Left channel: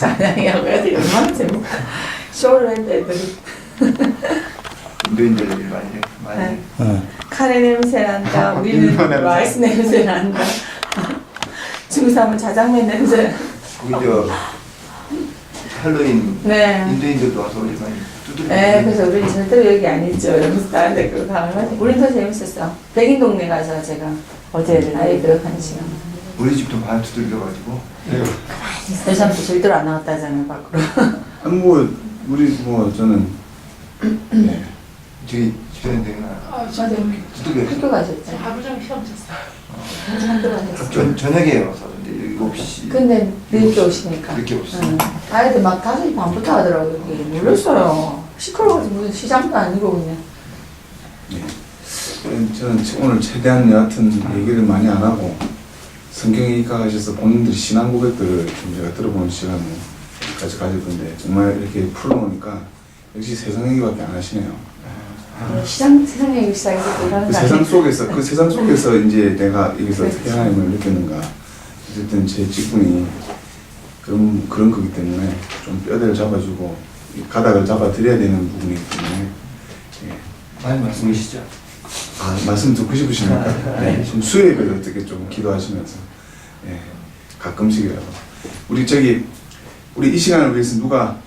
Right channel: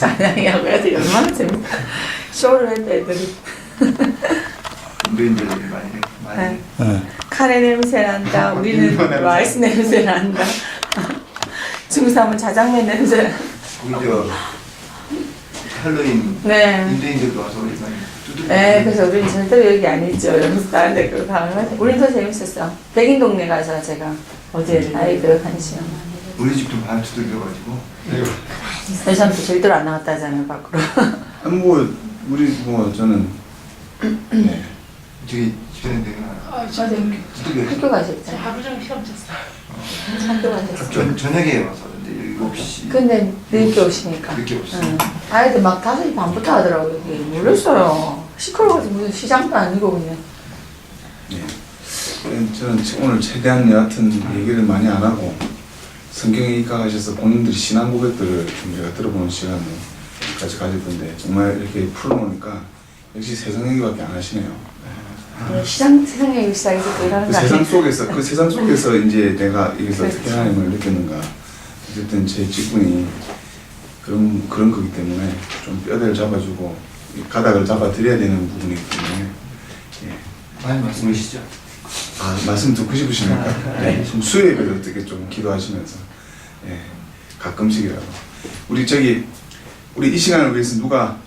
찬양이라고 해야지 얼마나 재밌다. 쇼를 했다 애들이. 인도인들이 많이 네. 카레 냄새 난다. 우리는 라이스 냄새 난다. 중삼은 자장면 냄새. 거기 저 할로윈 네. 인도인들도 와서 우리 많이 두드려. 네, 그래서 우리는 절대로 여기 안 있죠. 이러면서 다른 데 그거 가면 우린 더 재밌었어. 백인 동네 가서 제가 어제 아이들 한 시간. 우리 집도 많이 두들겨가지고. 여자한테 절대로 안 나갔다잖아요 밖으로. 뭐 우리 뭐 저는 네. 저기 집사님 되게 맞아요. 두들겨. 학교 가셨죠. 저 하루 종일 시험 쳤어요. 한두 번 됐어요. 저녁에 와서 근데 7시. 근데 늦게 오시니까. 늦게 오시죠. 응. 아이들 막 5시 반부터 하더라고요. 여기. 몰랐어요. 시끄러워서 무슨 시장도 아니고 그냥. 네. 저는 오늘 최대한 여하튼 얘기를 많이 안 하고 성경에 입각하셔서 본인들 신앙 고백들을 좀 제가 들어보는 시간을 같이 가질 건데 정말 이렇게 풀어놓으니까 역시 세상 얘기밖에 안 하시네요. 세상 얘기 시작해서 또 하는 그 거 세상 아니에요? 그 세상 속에서 이제 내가 여기서 그렇죠. 어떻게 하나님을 느꼈는가. 어쨌든 제 직분이 그런 거기 때문에 좀 뼈대를 잡아주고 이 가닥을 잡아드려야 되는 부분이기 때문에 예. 많이 말씀하시죠. 아, 말씀 듣고 싶으시니까 네. 좀 수요일에 어떻게 좀 기도하시면서 예. 가끔씩이라도 우리 이 시간을 위해서 누가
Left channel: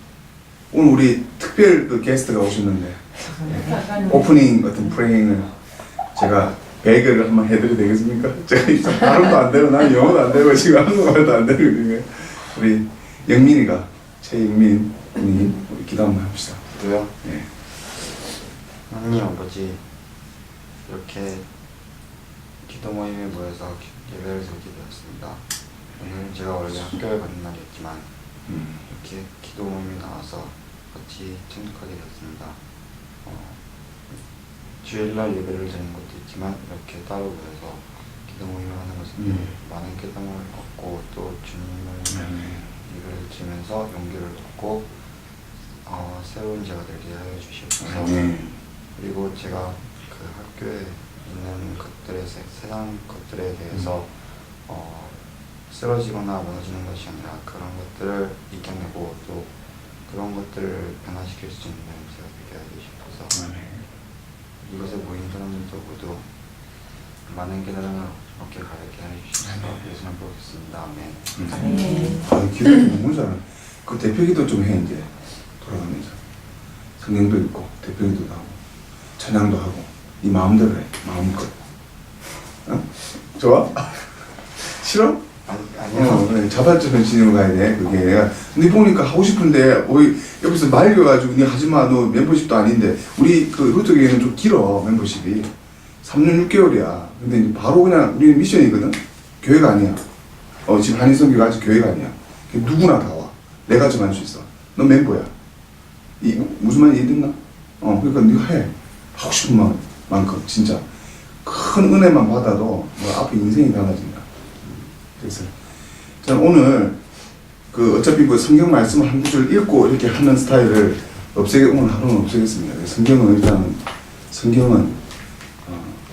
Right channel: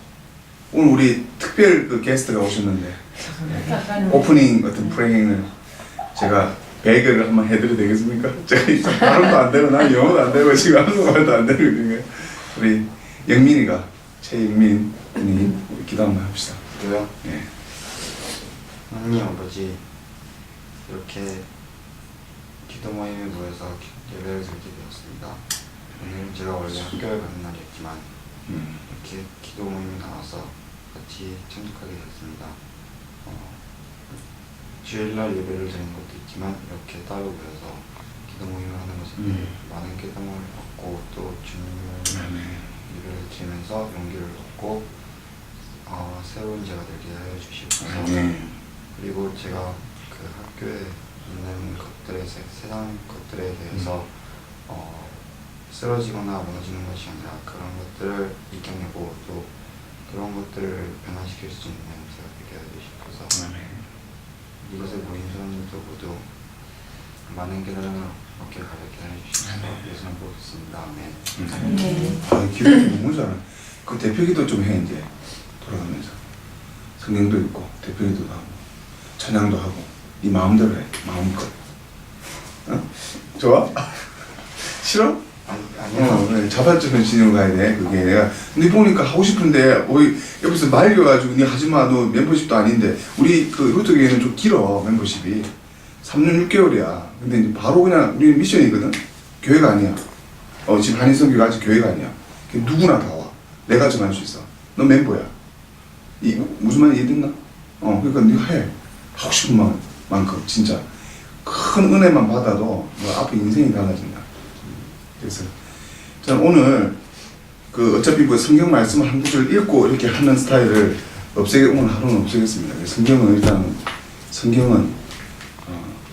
오늘 우리 특별 그 게스트가 오셨는데 예. 오프닝 어떤 프레잉을 제가 배결을 한번 해드려도 되겠습니까? 제가 이 발음도 안 되고 난 영어도 안 되고 지금 한국말도 안 되거든요. 우리 영민이가 최영민 군이 우리 기도 한번 합시다. 기도요? 예. 하나님 아버지, 이렇게 기도 모임에 모여서 예배를 드리게 되었습니다. 오늘 제가 원래 학교에 가는 날이었지만 이렇게 기도 모임에 나와서 같이 참석하게 되었습니다. 주일날 예배를 드리는 것도 있지만 이렇게 따로 모여서 기도 모임을 하는 것은 많은 깨달음을 얻고 또 주님을 예배를 드리면서 용기를 얻고 새로운 제가 되게 하여 주시옵소서. 그리고 제가 그 학교에 있는 것들에 세상 것들에 대해서 쓰러지거나 무너지는 것이 아니라 그런 것들을 이겨내고 또 그런 것들을 변화시킬 수 있는 제가 되게 하여 주시옵소서. 이곳에 모인 사람들도 모두 많은 깨달음을 얻게 가르게 하여 주시옵소서. 예수님 부르겠습니다. 아멘. 아, 기도 너무 잘해. 그 대표 기도 좀 해, 이제. 돌아가면서. 성경도 읽고, 대표 기도도 하고, 찬양도 하고, 네 마음대로 해. 마음껏. 어? 좋아? 싫어? 아니요. 네, 자발적인 진영으로 가야 돼. 그게 내가 근데 보니까 하고 싶은데 옆에서 말려가지고 니 하지마 너 멤버십도 아닌데 우리 그 루트교회는 좀 길어 멤버십이 3년 6개월이야. 근데 이제 바로 그냥 우리 미션이거든. 교회가 아니야. 지금 한인성교가 아직 교회가 아니야. 누구나 다 와. 내가 정할 수 있어. 너 멤버야. 무슨 말인지 이해됐나? 그러니까 네가 해. 하고 싶은 만큼 진짜 큰 은혜만 받아도 너 앞에 인생이 달라진다. 그래서 저는 오늘 그 어차피 뭐 성경 말씀을 한 구절 읽고 이렇게 하는 스타일을 오늘 하루는 없애겠습니다. 성경은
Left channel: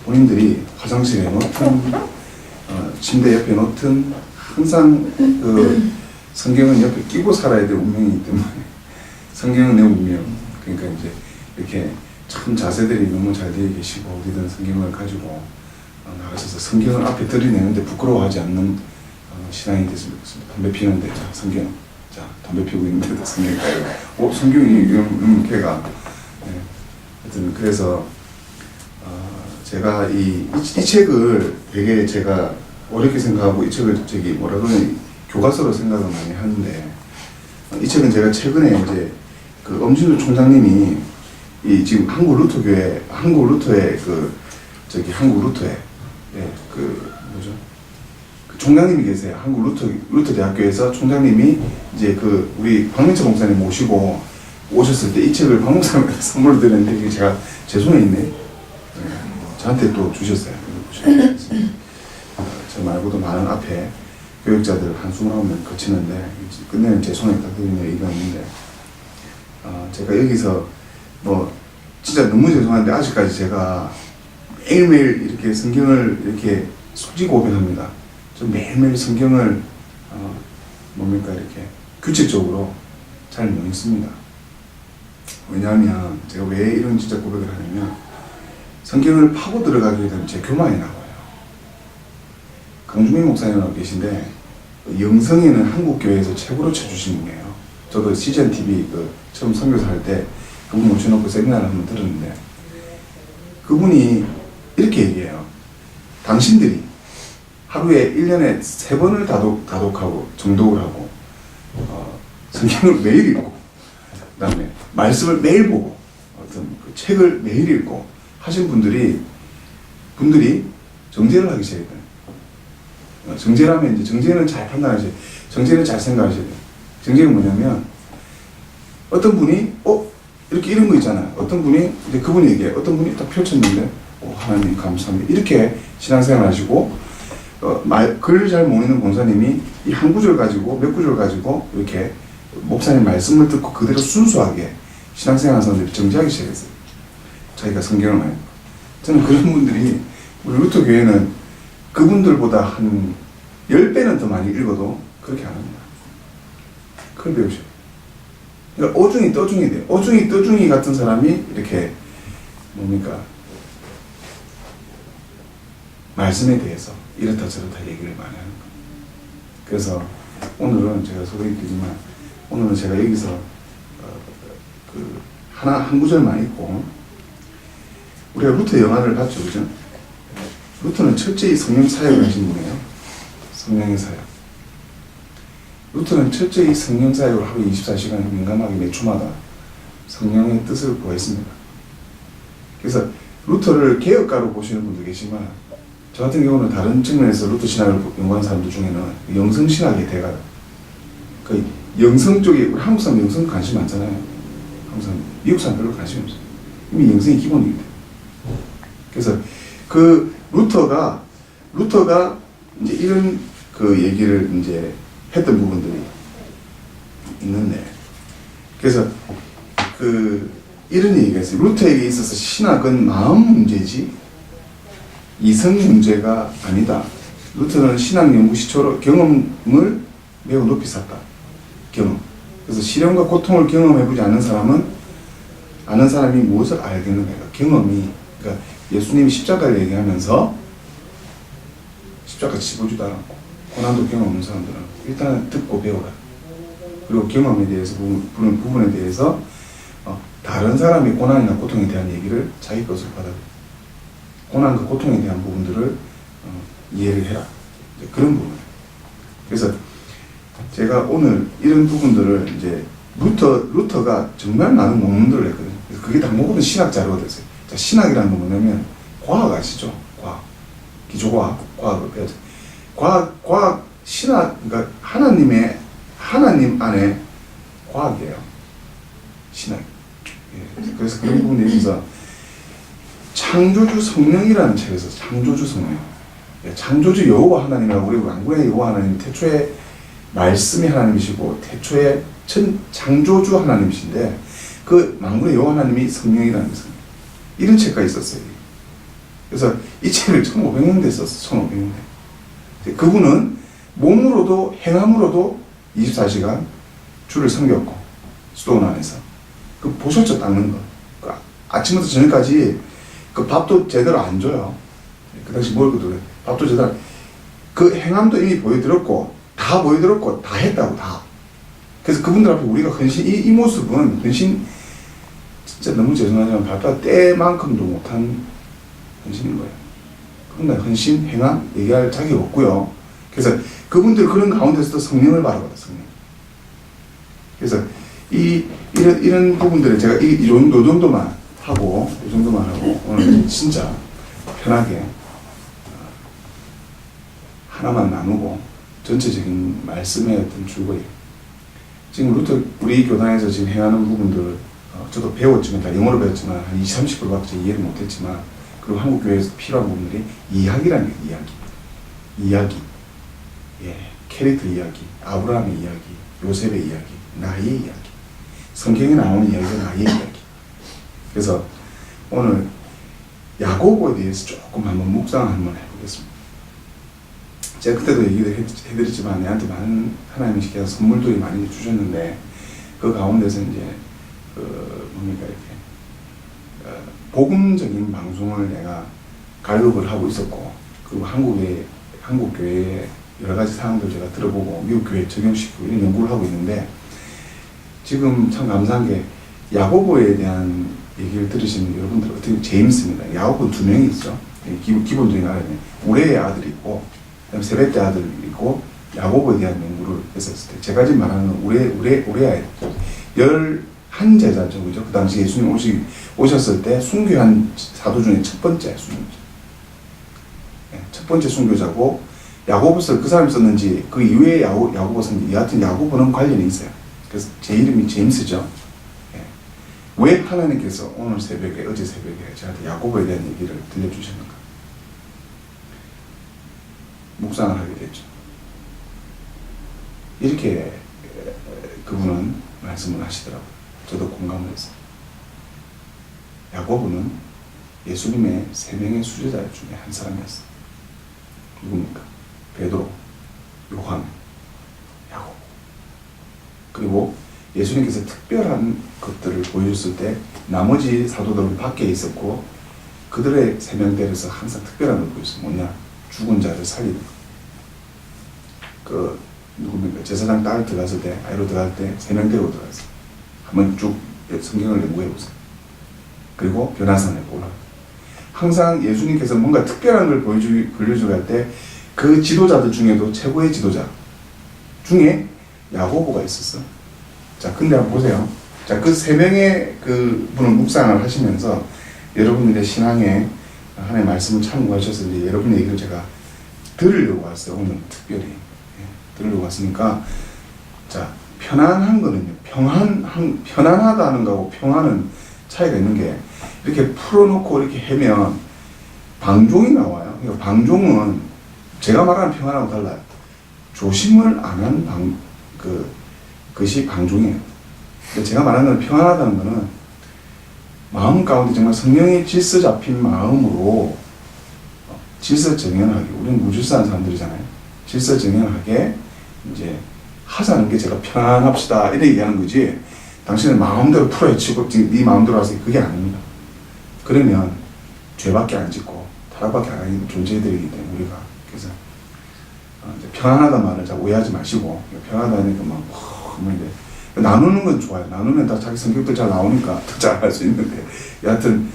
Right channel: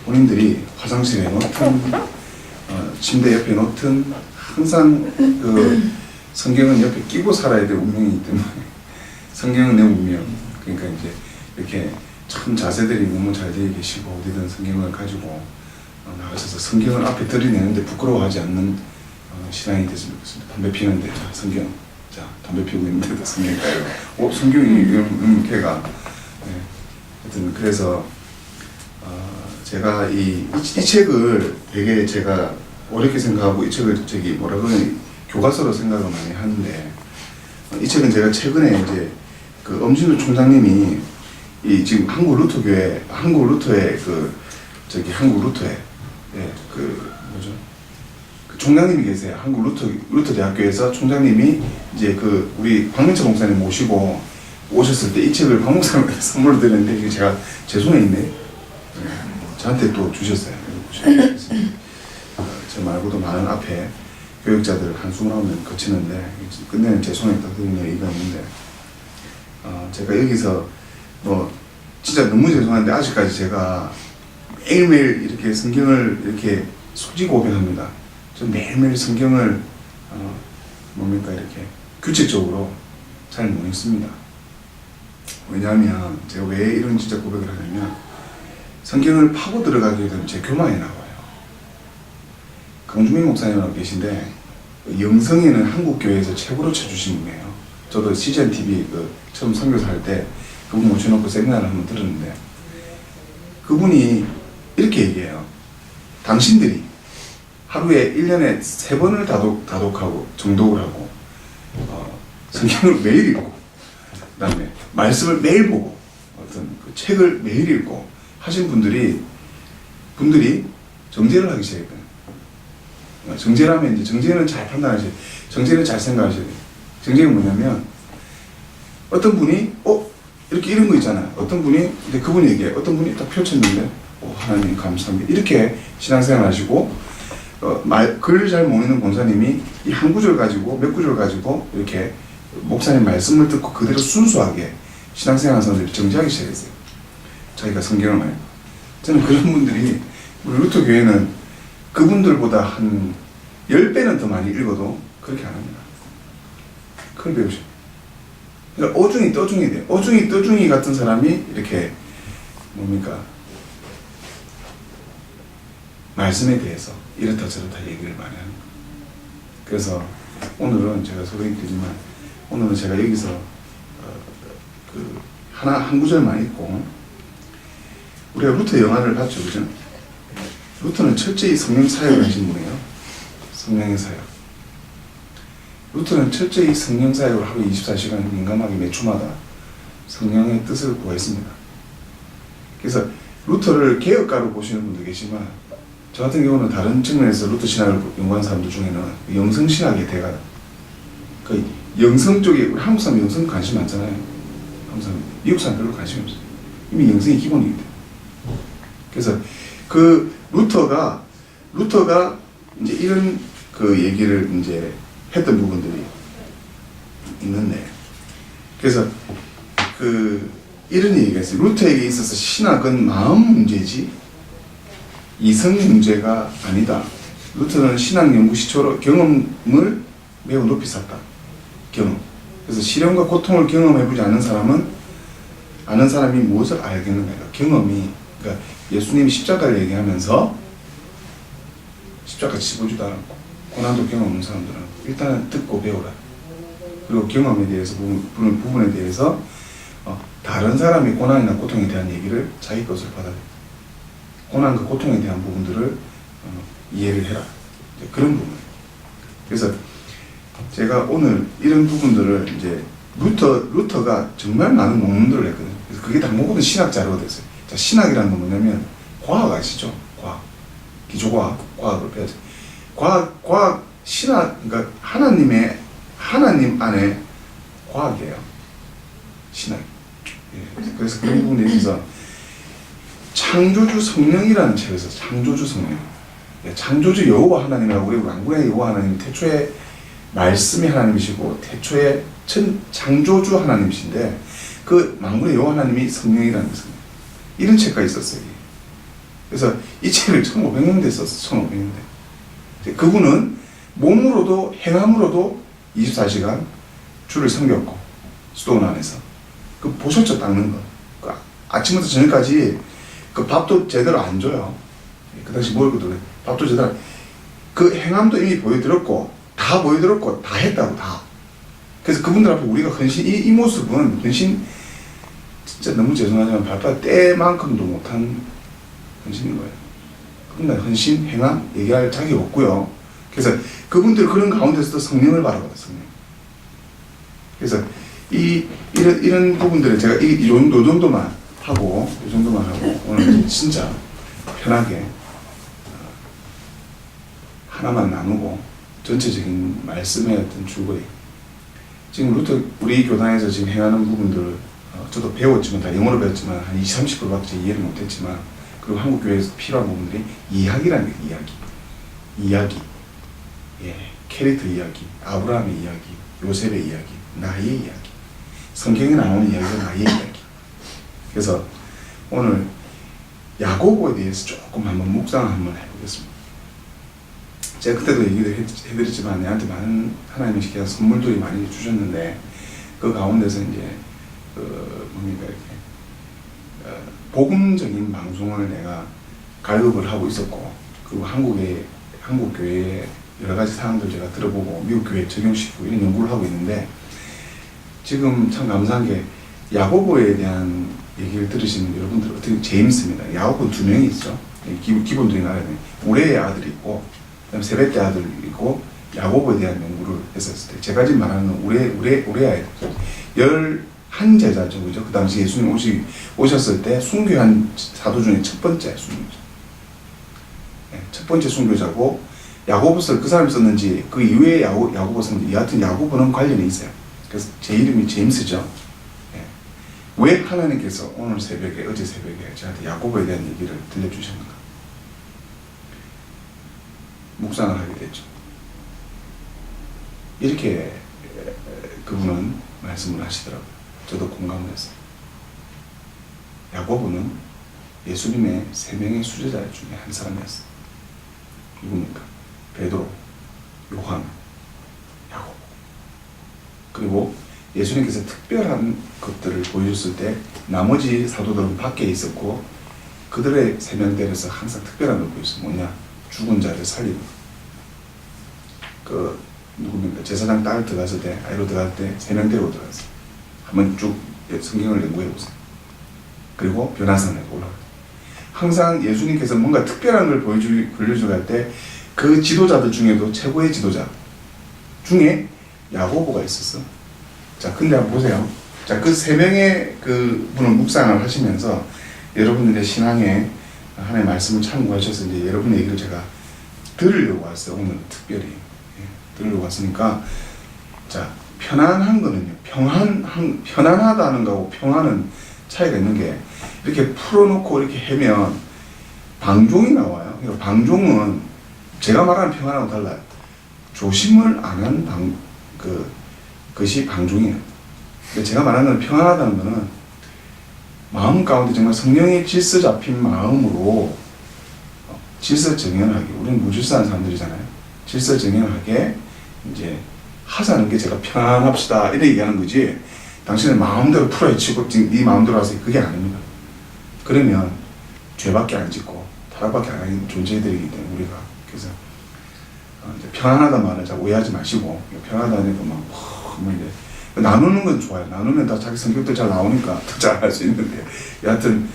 본인들이 화장실에 놓든 침대 옆에 놓든 항상 그 성경은 옆에 끼고 살아야 될 운명이기 때문에 성경은 내 운명. 그러니까 이제 이렇게 참 자세들이 너무 잘 되어 계시고 어디든 성경을 가지고 나가셔서 성경을 앞에 들이내는데 부끄러워하지 않는 신앙이 됐으면 좋겠습니다. 담배 피는데 자 성경, 자 담배 피우고 있는데도 성경 가요. 성경이 이런 걔가. 네. 하여튼 그래서 제가 이 책을 되게 제가 어렵게 생각하고 이 책을 교과서로 생각을 많이 하는데 이 책은 제가 최근에 이제 그 엄진우 총장님이 이 지금 한국 루터의 뭐죠? 그 총장님이 계세요. 한국 루터 대학교에서 총장님이 이제 그 우리 박민철 목사님 모시고 오셨을 때 이 책을 박 목사님한테 선물로 드렸는데 이게 제 손에 있네. 네. 저한테 또 주셨어요. 저 말고도 많은 앞에 교육자들 한숨을 하면 거치는데 끝내는 제 손에 딱 드리는 의의가 있는데 제가 여기서 뭐 진짜 너무 죄송한데 아직까지 제가 매일매일 이렇게 성경을 이렇게 솔직히 고백합니다. 저 매일매일 성경을 이렇게 규칙적으로 잘 못 읽습니다. 왜냐하면 제가 왜 이런 진짜 고백을 하냐면 성경을 파고 들어가게 되면 제 교만이 나와요. 강주민 목사님하고 계신데 영성에는 한국 교회에서 최고로 쳐주신 분이에요. 저도 CGN TV 처음 선교사 할 때 그분 모셔놓고 세미나를 한번 들었는데 그분이 이렇게 얘기해요. 당신들이 하루에 1년에 3번을 다독하고 정독을 하고 성경을 매일 읽고 그 다음에 말씀을 매일 보고 어떤 그 책을 매일 읽고 하신 분들이 정죄를 하기 시작했다. 정죄라면 이제 정죄는 잘 판단하셔야 돼요. 정죄는 잘 생각하셔야 돼요. 정죄가 뭐냐면 어떤 분이 이렇게 이런 거 있잖아요. 어떤 분이 이제 그분이 얘기해. 어떤 분이 딱 펼쳤는데 하나님 감사합니다. 이렇게 신앙생활 하시고 글을 잘 모르는 권사님이 이 한 구절 가지고 몇 구절 가지고 이렇게 목사님 말씀을 듣고 그대로 순수하게 신앙생활 하는 사람들이 정죄하기 시작했어요. 자기가 성경을 많이 읽고. 저는 그런 분들이 우리 루터 교회는 그분들보다 한 10배는 더 많이 읽어도 그렇게 안 합니다. 그걸 배우셔야 돼요. 그러니까 어중이 떠중이 돼요. 어중이 떠중이 같은 사람이 이렇게 뭡니까? 말씀에 대해서 이렇다 저렇다 얘기를 많이 하는 거예요. 그래서 오늘은 제가 소개해드리지만 오늘은 제가 여기서 한 구절만 읽고 우리가 루터 영화를 봤죠, 그죠? 루터는 철저히 성령 사역을 하신 분이에요. 성령의 사역. 루터는 철저히 성령 사역을 하루 24시간 민감하게 몇 초마다 성령의 뜻을 구했습니다. 그래서 루터를 개혁가로 보시는 분도 계시지만 저 같은 경우는 다른 측면에서 루터 신학을 연구하는 사람들 중에는 영성신학의 대가, 그 영성 쪽에 우리 한국 사람 영성 관심 많잖아요. 한국 사람, 미국 사람 별로 관심이 없어요. 이미 영성이 기본이기 때문에. 그래서 그 루터가 이제 이런 그 얘기를 이제 했던 부분들이 있는데, 그래서 이런 얘기가 있어요. 루터에게 있어서 신학은 마음 문제지 이성 문제가 아니다. 루터는 신학 연구 시초로 경험을 매우 높이 샀다. 경험. 그래서 시련과 고통을 경험해보지 않은 사람이 무엇을 알겠는가? 경험이, 그러니까 예수님이 십자가를 얘기하면서 십자가 집어주다 않고 고난도 경험 없는 사람들은 일단은 듣고 배우라. 그리고 경험에 대해서 부분에 대해서 다른 사람의 고난이나 고통에 대한 얘기를 자기 것으로 받아들여. 고난과 고통에 대한 부분들을 이해를 해라. 이제 그런 부분. 그래서 제가 오늘 이런 부분들을 이제 루터가 정말 많은 논문들을 했거든요. 그래서 그게 다 모든 신학 자료가 됐어요. 자, 신학이라는 건 뭐냐면 과학 아시죠? 과학. 기초과학, 과학을 배워야 돼요. 과학, 신학, 그러니까 하나님 안에 과학이에요. 신학이. 예, 그래서 그런 부분에 있어서 창조주 성령이라는 책에서 창조주 성령, 창조주 여호와 하나님이라고 우리 왕군의 여호와 하나님, 태초에 말씀이 하나님이시고 태초에 창조주 하나님이신데 그 만군의 여호와 하나님이 성령이라는 거예요. 이런 책가 있었어요. 그래서 이 책을 1500년대에 썼어요. 1500년대. 그분은 몸으로도 행함으로도 24시간 주를 섬겼고 수도원 안에서 그 보셨죠? 닦는 거. 그 아침부터 저녁까지 그 밥도 제대로 안 줘요. 그 당시 먹을 것도 밥도 제대로. 그 행함도 이미 보여드렸고 다 보여드렸고 다 했다고 다. 그래서 그분들 앞에 우리가 헌신, 이 모습은 헌신, 진짜 너무 죄송하지만 발바닥 때만큼도 못한 헌신인 거예요. 그분들 헌신, 행함 얘기할 자격이 없고요. 그래서 그분들 그런 가운데서도 성령을 바라봐요. 성령. 그래서 이런 부분들을 제가 이 정도만 하고 오늘 진짜 편하게 하나만 나누고 전체적인 말씀의 어떤 줄거리. 지금 루터 우리 교단에서 지금 행하는 부분들 저도 배웠지만 다 영어로 배웠지만 한 20-30%밖에 이해를 못했지만, 그리고 한국 교회에서 필요한 부분들이 이야기라는 게 이야기. 예, 캐릭터 이야기, 아브라함의 이야기, 요셉의 이야기, 나의 이야기, 성경에 나오는 이야기가 나의 이야기. 그래서 오늘 야고보에 대해서 조금 한번 묵상 한번 해보겠습니다. 제가 그때도 얘기를 해드렸지만 내한테 많은 하나님의 시키는 선물들이 많이 주셨는데 그 가운데서 이제 뭡니까 이렇게 복음적인 방송을 내가 갈급을 하고 있었고 그리고 한국 교회의 여러 가지 사항들 제가 들어보고 미국 교회에 적용시키고 이런 연구를 하고 있는데 지금 참 감사한 게 야고보에 대한 얘기를 들으시는 여러분들 어떻게 제임스입니다. 야고보 두 명이 있죠. 기본적인 알아야 돼. 우레의 아들이 있고 그다음에 세벳대 아들이 있고 야고보에 대한 연구를 했었을 때 제가 지금 말하는 우레의 아들 11제자죠. 그죠? 그 당시 예수님 오셨을 때 순교한 사도 중에 첫 번째 순교자. 네, 첫 번째 순교자고 야고보서를 그 사람이 썼는지 그 이후에 야고보 썼는지 여하튼 야고보는 관련이 있어요. 그래서 제 이름이 제임스죠. 네. 왜 하나님께서 오늘 새벽에 어제 새벽에 저한테 야고보에 대한 얘기를 들려주셨는가? 묵상을 하게 됐죠. 이렇게 그분은 말씀을 하시더라고요. 저도 공감을 했어요. 야고보는 예수님의 3명의 수제자 중에 한 사람이었어요. 누굽니까? 베드로, 요한, 야고보. 그리고 예수님께서 특별한 것들을 보여줬을 때 나머지 사도들은 밖에 있었고 그들의 3명대에서 항상 특별한 걸 보였어요. 뭐냐? 죽은 자를 살리는 거. 누굽니까? 제사장 딸 들어갔을 때, 아이로 들어갈 때 3명대로 들어갔어요. 한번 쭉 성경을 연구해 보세요. 그리고 변화산에 올라가요. 항상 예수님께서 뭔가 특별한 걸 보여주고 할 때 그 지도자들 중에도 최고의 지도자 중에 야고보가 있었어. 자, 근데 한번 보세요. 자, 그 3명의 그 분을 묵상을 하시면서 여러분들의 신앙에 하나님의 말씀을 참고하셔서 이제 여러분의 얘기를 제가 들으려고 왔어요. 오늘 특별히. 들으려고 왔으니까 자, 편안한 거는요. 편안하다는 거하고 평안은 차이가 있는 게 이렇게 풀어놓고 이렇게 하면 방종이 나와요. 그러니까 방종은 제가 말하는 평안하고 달라요. 조심을 안 한 그것이 방종이에요. 제가 말하는 평안하다는 거는 마음 가운데 정말 성령의 질서 잡힌 마음으로 질서 정연하게, 우리는 무질서한 사람들이잖아요. 질서 정연하게 이제 하자는 게 제가 편안합시다 이렇게 얘기하는 거지 당신은 마음대로 풀어헤치고 네 마음대로 하세요. 그게 아닙니다. 그러면 죄밖에 안 짓고 타락밖에 안 하는 존재들이기 때문에 우리가 그래서 이제 편안하다는 말을 잘 오해하지 마시고 편안하다니까 막 이제 나누는 건 좋아요. 나누면 다 자기 성격도 잘 나오니까 더 잘할 수 있는데 여하튼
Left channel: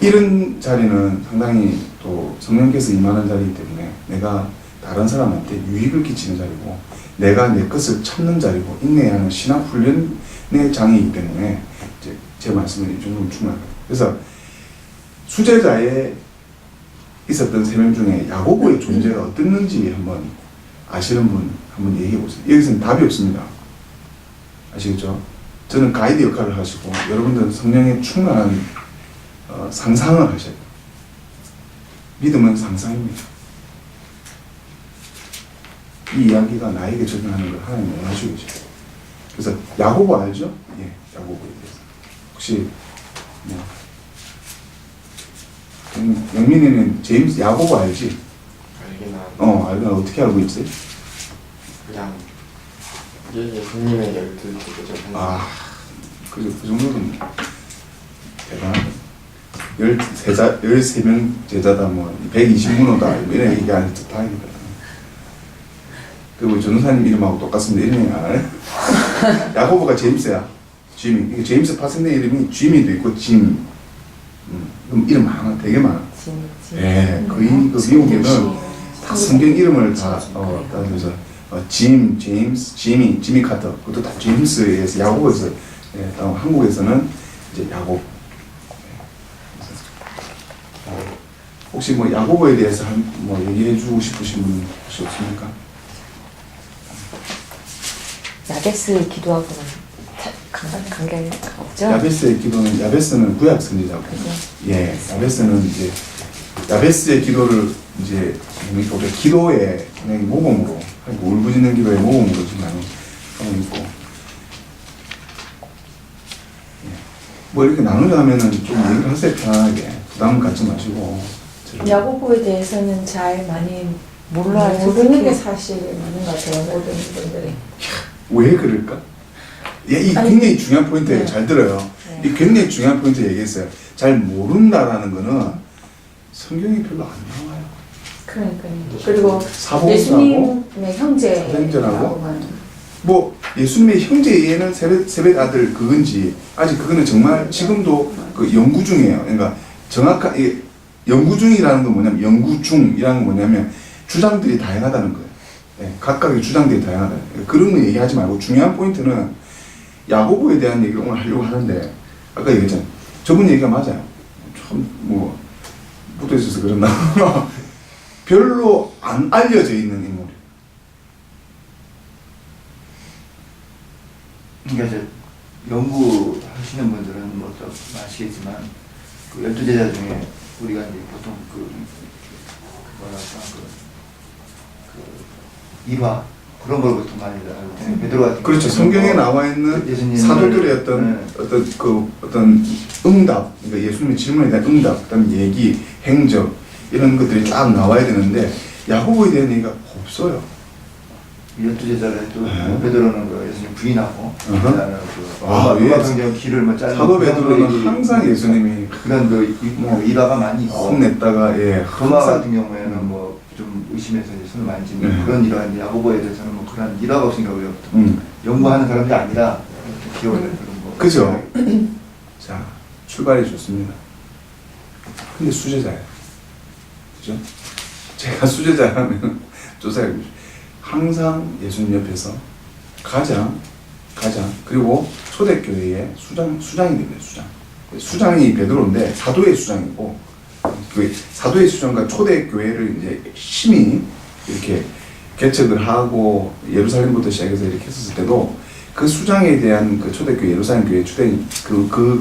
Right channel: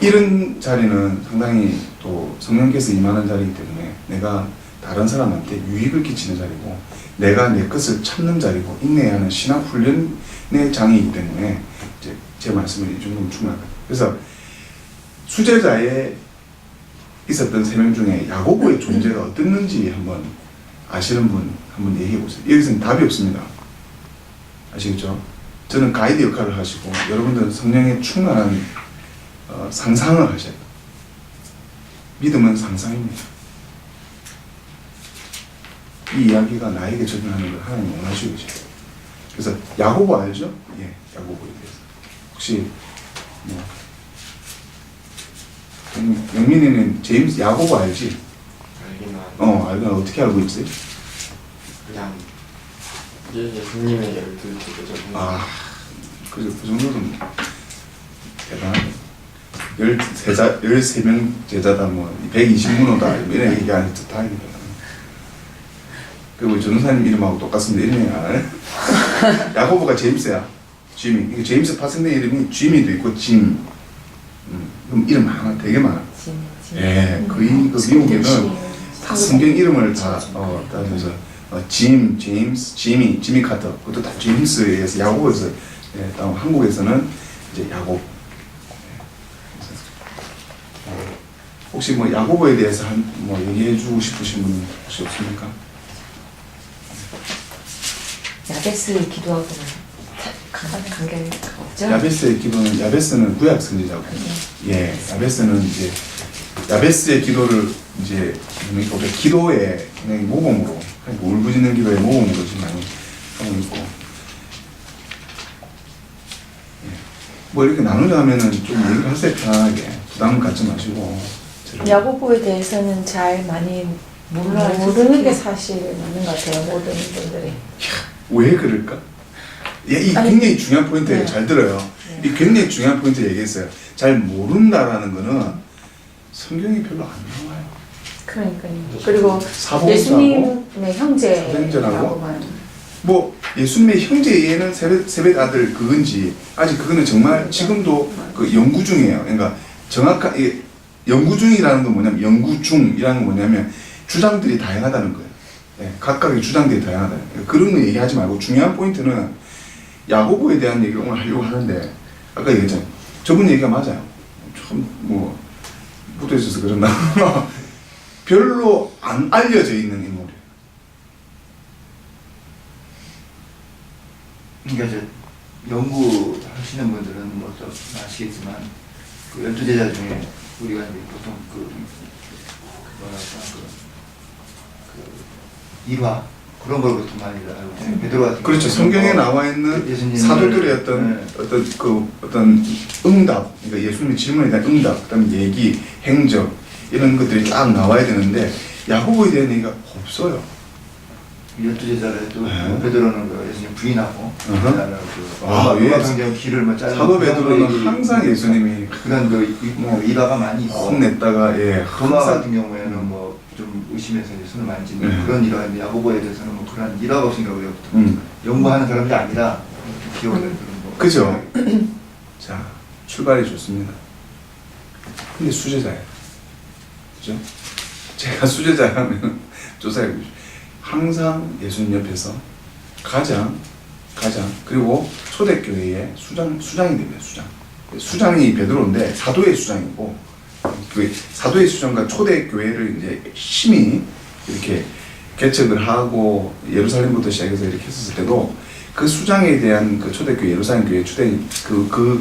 이런 자리는 상당히 또 성령께서 임하는 자리이기 때문에 내가 다른 사람한테 유익을 끼치는 자리고 내가 내 것을 참는 자리고 인내하는 신앙 훈련의 장이기 때문에 이제 제 말씀을 이 정도면 충분할 거예요. 그래서 수제자에 있었던 3명 중에 야고보의 존재가 어땠는지 한번 아시는 분 한번 얘기해 보세요. 여기서는 답이 없습니다. 아시겠죠? 저는 가이드 역할을 하시고 여러분들은 성령의 충만한 상상을 하셔야 돼요. 믿음은 상상입니다. 이 이야기가 나에게 적용하는 걸 하나님 원하시고 계세요. 그래서 야고보 알죠? 예, 야고보에 대해서. 혹시 뭐 영민이는 제임스 야고보 알지? 알긴 하는데 알긴 어떻게 알고 있지? 그냥 예수님의 12제자 아, 그 정도는 대단하네. 13명 제자다 뭐 120문호다 이런 얘기 안 해도 다행이다. 그리고 전도사님 이름하고 똑같습니다. 이름이 안 알아요? 야고보가 제임스야. 지미. 이게 제임스 파생된 이름이 지미도 있고 짐. 이름 많아. 되게 많아. 예, 거의 그 미국에는 다 성경 이름을 다 따져서 짐, 제임스, 지미 카터. 그것도 다 제임스에 의해서 야고보에서 한국에서는 이제 야고보. 혹시 뭐 야고보에 대해서 뭐 얘기해주고 싶으신 분 혹시 없습니까? 야베스 기도하고는 관계가 없죠? 야베스의 기도는 야베스는 구약 선지자고, 예, 야베스는 이제 야베스의 기도를 이제 우리가 기도의 그냥 모범으로, 울부짖는 기도의 모범으로 지금 많이 하고 있고, 예. 뭐 이렇게 나누자면은 좀 얘기를 하세요. 편안하게 부담 갖지 마시고. 야고보에 대해서는 잘 많이 모르는 게 사실이 맞는 것 같아요. 모든 분들이. 왜 그럴까? 이 아니, 굉장히 중요한 포인트예요. 네. 잘 들어요. 네. 이 굉장히 중요한 포인트 얘기했어요. 잘 모른다라는 거는 성경이 별로 안 나와요. 그러니까요. 그리고 사복음서하고 예수님의 형제라고만. 사도행전하고 뭐 예수님의 형제에는 세벳 아들 그건지 아직 그거는 정말 지금도 그 연구 중이에요. 그러니까 정확한 연구 중이라는 건 뭐냐면 연구 중이라는 건 뭐냐면 주장들이 다양하다는 거예요. 네, 각각의 주장들이 다양하다는 거예요. 그런 거 얘기하지 말고 중요한 포인트는 야고보에 대한 얘기를 오늘 하려고 하는데 아까 얘기했잖아요. 저분 얘기가 맞아요. 참 뭐 묻어 있어서 그랬나 별로 안 알려져 있는 인물이에요. 그러니까 이제 연구하시는 분들은 뭐 또 아시겠지만 그 12제자 중에 우리가 이제 보통 그 뭐랄까 그 일화 그런 걸 보통 많이 알고 있잖아요. 베드로 같은 그렇죠. 경우는 성경에 뭐 나와 있는 예수님을, 사도들의 어떤 네. 어떤 응답, 그러니까 예수님의 질문에 대한 응답, 그다음에 얘기, 행적 이런 것들이 쫙 나와야 되는데 야고보에 대한 얘기가 없어요. 12제자를 해도 네. 베드로는 그 예수님 부인하고 그다음에 예. 경경 길을 뭐 짜는 사도 그런 베드로는 거 얘기, 항상 예수님이 그런 그 일화가 많이 있고 혼냈다가 도마 항상 같은 경우에는 뭐 좀 의심해서 이제 손을 만지는 네. 그런 일화인데 야고보에 대해서는 뭐 그런 일화가 없으니까 우리가 보통 연구하는 사람들이 아니라 이렇게 기억을 그런 거. 그죠? 자, 출발이 좋습니다. 근데 수제자예요. 그죠? 제가 수제자라면 조사해 보십시오. 항상 예수님 옆에서 가장 그리고 초대교회의 수장이 됩니다. 수장이 베드로인데 사도의 수장이고 그 사도의 수장과 초대교회를 이제 힘이 이렇게 개척을 하고 예루살렘부터 시작해서 이렇게 했었을 때도 그 수장에 대한 그 초대교회 예루살렘 교회 주된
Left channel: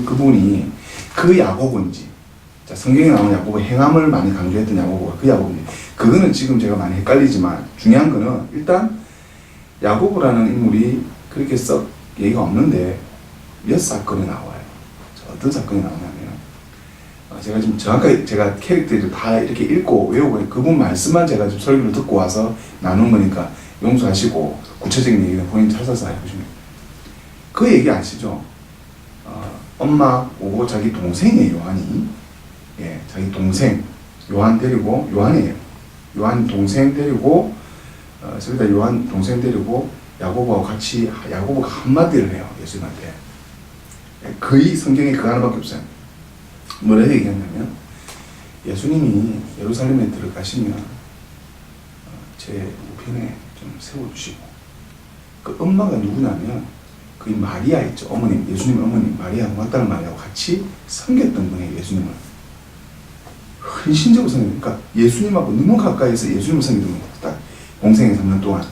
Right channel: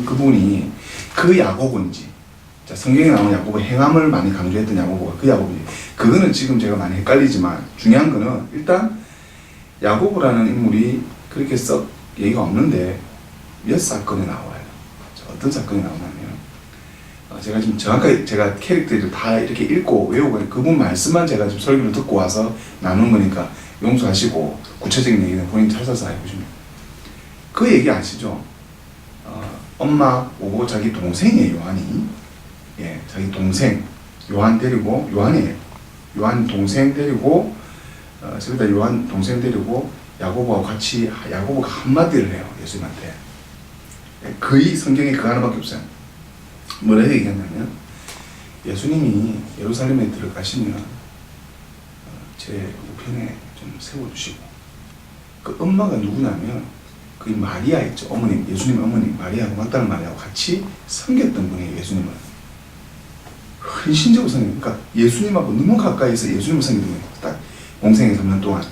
그분이 그 야고보인지 자 성경에 나오는 야고보 행함을 많이 강조했던 야고보가 그 야고보인지 그거는 지금 제가 많이 헷갈리지만 중요한 거는 일단 야고보라는 인물이 그렇게 썩 얘기가 없는데 몇 사건에 나와요. 자, 어떤 사건이 나오냐면 제가 지금 정확하게 제가 캐릭터를 다 이렇게 읽고 외우고 그분 말씀만 제가 지금 설교를 듣고 와서 나눈 거니까 용서하시고 구체적인 얘기는 본인 찾아서 해보시면 그 얘기 아시죠? 엄마 오고 자기 동생이에요. 요한이 자기 동생 요한 데리고 요한 동생 데리고 저기다 요한 동생 데리고 야고보와 같이 야고보가 한마디를 해요. 예수님한테 거의 성경에 그 하나밖에 없어요. 뭐라고 얘기했냐면 예수님이 예루살렘에 들어가시면 제 우편에 좀 세워주시고 그 엄마가 누구냐면 그 마리아 있죠. 어머님 예수님 어머님 마리아하고 막달라 마리아하고 같이 섬겼던 분이에요. 예수님을 헌신적으로 섬겼어요. 그러니까 예수님하고 너무 가까이서 예수님을 섬기던 분이에요. 딱 공생애 3년 동안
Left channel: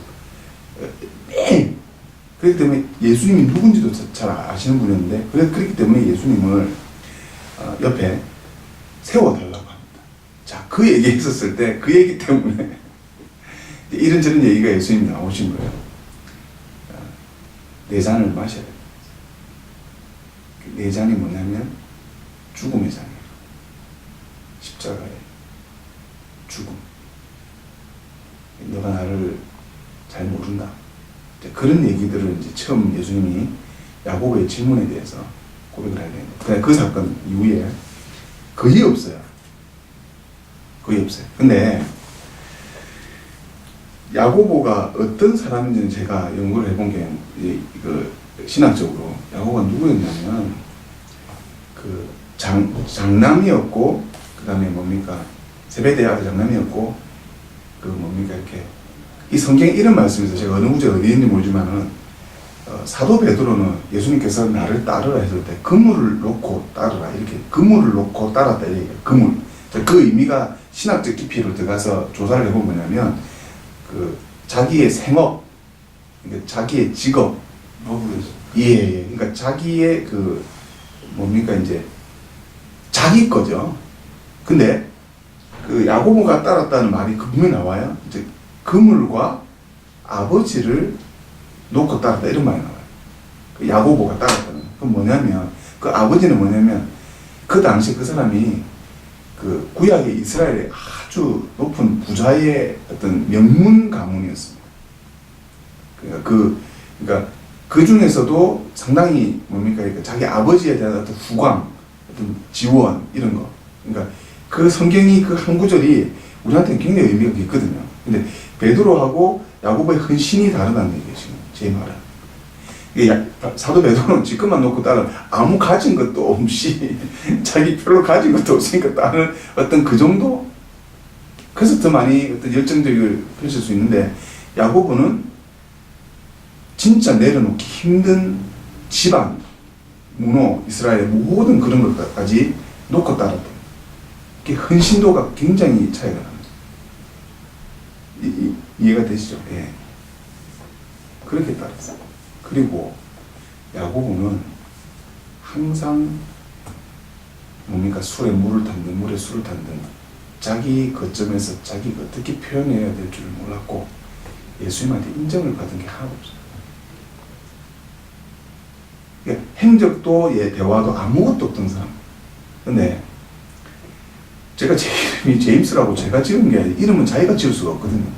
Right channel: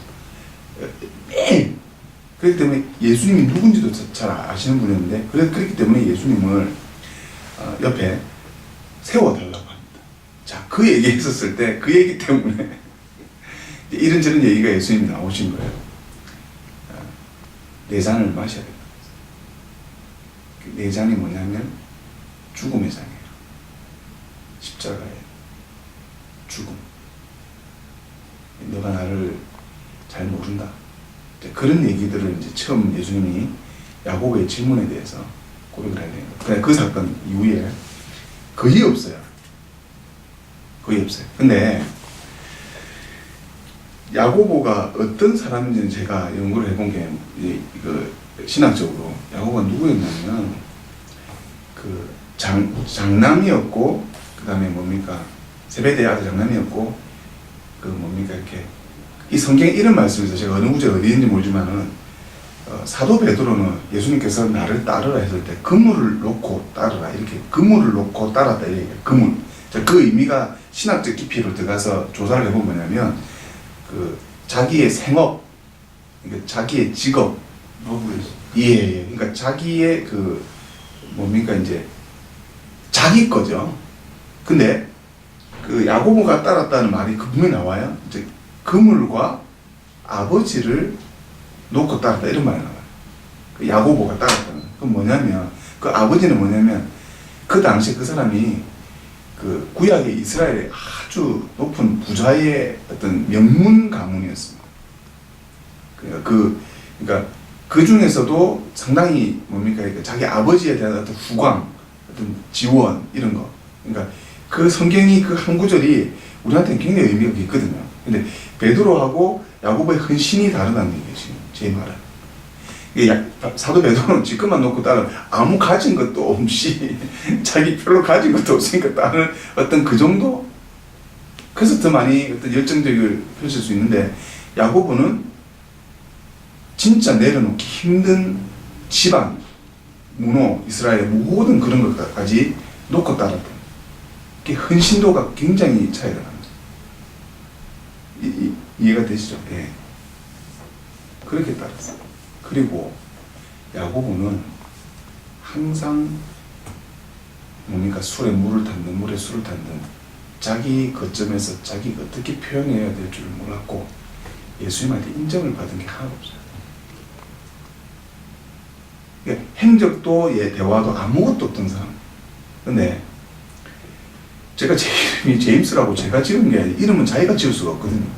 매일 그렇기 때문에 예수님이 누군지도 잘 아시는 분이었는데 그렇기 때문에 예수님을 옆에 세워달라고 합니다. 자, 그 얘기 했었을 때 그 얘기 때문에 이런저런 얘기가 예수님이 나오신 거예요. 네 잔을 마셔야 된다고 했어요. 네 잔이 뭐냐면 죽음의 잔이에요. 십자가의 죽음. 너가 나를 잘 모른다. 그런 얘기들을 이제 처음 예수님이 야고보의 질문에 대해서 고백을 해야 됩니다. 그냥 그 사건 이후에 거의 없어요. 거의 없어요. 근데 야고보가 어떤 사람인지는 제가 연구를 해본 게 신학적으로 야고보가 누구였냐면 그 장남이었고 그 다음에 뭡니까 세베대의 아들 장남이었고 그 뭡니까 이렇게 이 성경에 이런 말씀이 있어요. 제가 어느 구절에 어디 있는지 모르지만은 사도 베드로는 예수님께서 나를 따르라 했을 때 그물을 놓고 따르라 이렇게 그물을 놓고 따랐다 이 얘기예요. 그물. 그 의미가 신학적 깊이로 들어가서 조사를 해보면 뭐냐면 그 자기의 생업, 그러니까 자기의 직업, 예. 그러니까 자기의 그 뭡니까 이제 자기 거죠. 근데 그 야고보가 따랐다는 말이 그 분명히 나와요. 이제 그물과 아버지를 놓고 따랐다 이런 말이 나와요. 그 야고보가 따랐다는. 그건 뭐냐면 그 아버지는 뭐냐면 그 당시 그 사람이 그 구약의 이스라엘의 아주 높은 부자의 어떤 명문 가문이었습니다. 그러니까 그 중에서도 상당히 뭡니까? 그러니까 자기 아버지에 대한 어떤 후광, 어떤 지원 이런 거. 그러니까 그 성경이 그 한 구절이 우리한테는 굉장히 의미가 있거든요. 근데 베드로하고 야고보의 헌신이 다르다는 얘기예요. 지금 제 말은. 사도 베드로는 지금만 놓고 따른 아무 가진 것도 없이 자기 별로 가진 것도 없으니까 따른 어떤 그 정도? 그래서 더 많이 어떤 열정적을 펼칠 수 있는데 야고보는 진짜 내려놓기 힘든 집안, 문호, 이스라엘의 모든 그런 것까지 놓고 따랐던 그 헌신도가 굉장히 차이가 납니다. 이해가 되시죠? 예. 그렇게 따랐어요. 그리고 야고보는 항상 뭡니까? 술에 물을 탄든 물에 술을 탄든 자기 거점에서 자기가 어떻게 표현해야 될 줄을 몰랐고 예수님한테 인정을 받은 게 하나도 없어요. 그러니까 행적도 대화도 아무것도 없던 사람. 근데 제가 제 이름이 제임스라고 제가 지은 게 아니라 이름은 자기가 지을 수가 없거든요.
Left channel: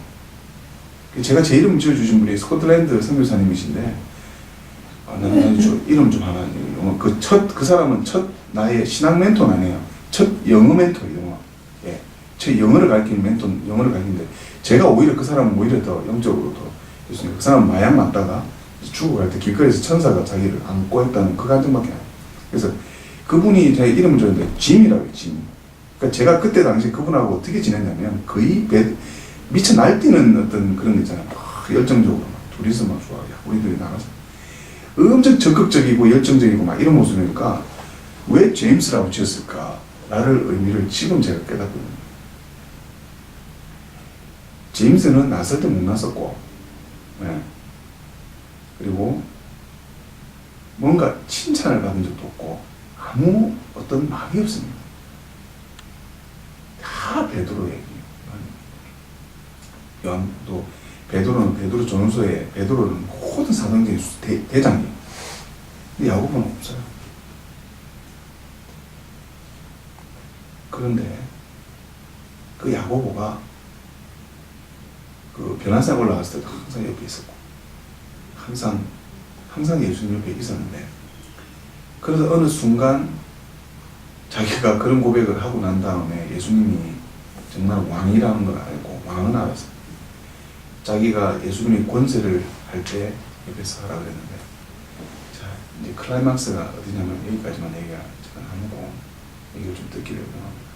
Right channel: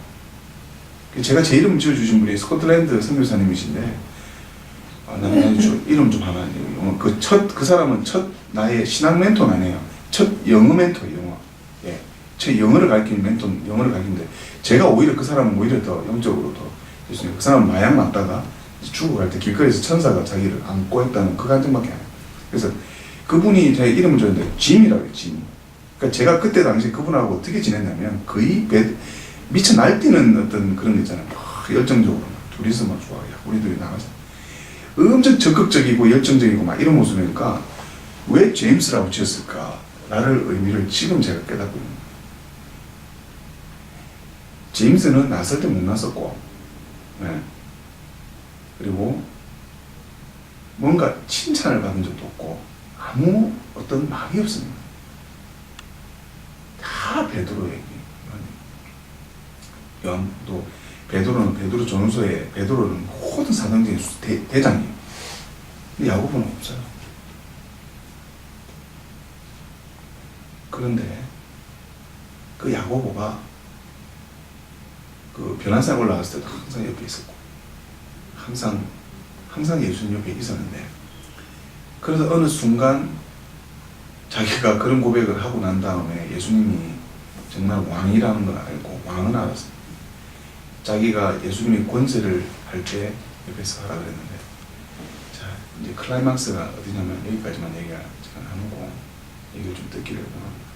제가 제 이름을 지어주신 분이 스코틀랜드 선교사님이신데 나는 이름 좀 하나. 그 사람은 나의 신앙 멘토는 아니에요. 첫 영어 멘토, 영어. 예. 제 영어를 가르치는 멘토, 영어를 가르치는데 제가 오히려 그 사람은 오히려 더 영적으로 더 예수님. 그 사람은 마약 맞다가 죽어갈 때 길거리에서 천사가 자기를 안고 했다는 그 감정밖에 안 해요. 그래서 그분이 제 이름을 줬는데 짐이라고 해요, 짐이. 그러니까 제가 그때 당시 그분하고 어떻게 지냈냐면 거의 미쳐 날뛰는 어떤 그런 거 있잖아요. 막 열정적으로 막 둘이서 막 좋아. 야, 우리 둘이 나가서. 엄청 적극적이고 열정적이고 막 이런 모습이니까 왜 제임스라고 지었을까? 라를 의미를 지금 제가 깨닫거든요. 제임스는 났을 때 못 났었고, 네. 그리고 뭔가 칭찬을 받은 적도 없고 아무 어떤 마음이 없습니다. 다 베드로 얘기. 요한도 베드로 전후서에 베드로는 모든 사도행전의 대장이에요. 근데 야고보는 없어요. 그런데 그 야고보가 그 변화산 올라갔을 때도 항상 옆에 있었고 항상 예수님 옆에 있었는데 그래서 어느 순간 자기가 그런 고백을 하고 난 다음에 예수님이 정말 왕이라는 걸 알고 왕은 알았어요. 자기가 예수님이 권세를 할 때 옆에서 하라 그랬는데 자 이제 클라이막스가 어디냐면 여기까지만 얘기가 나누고 얘기를 좀 듣기를 원합니다.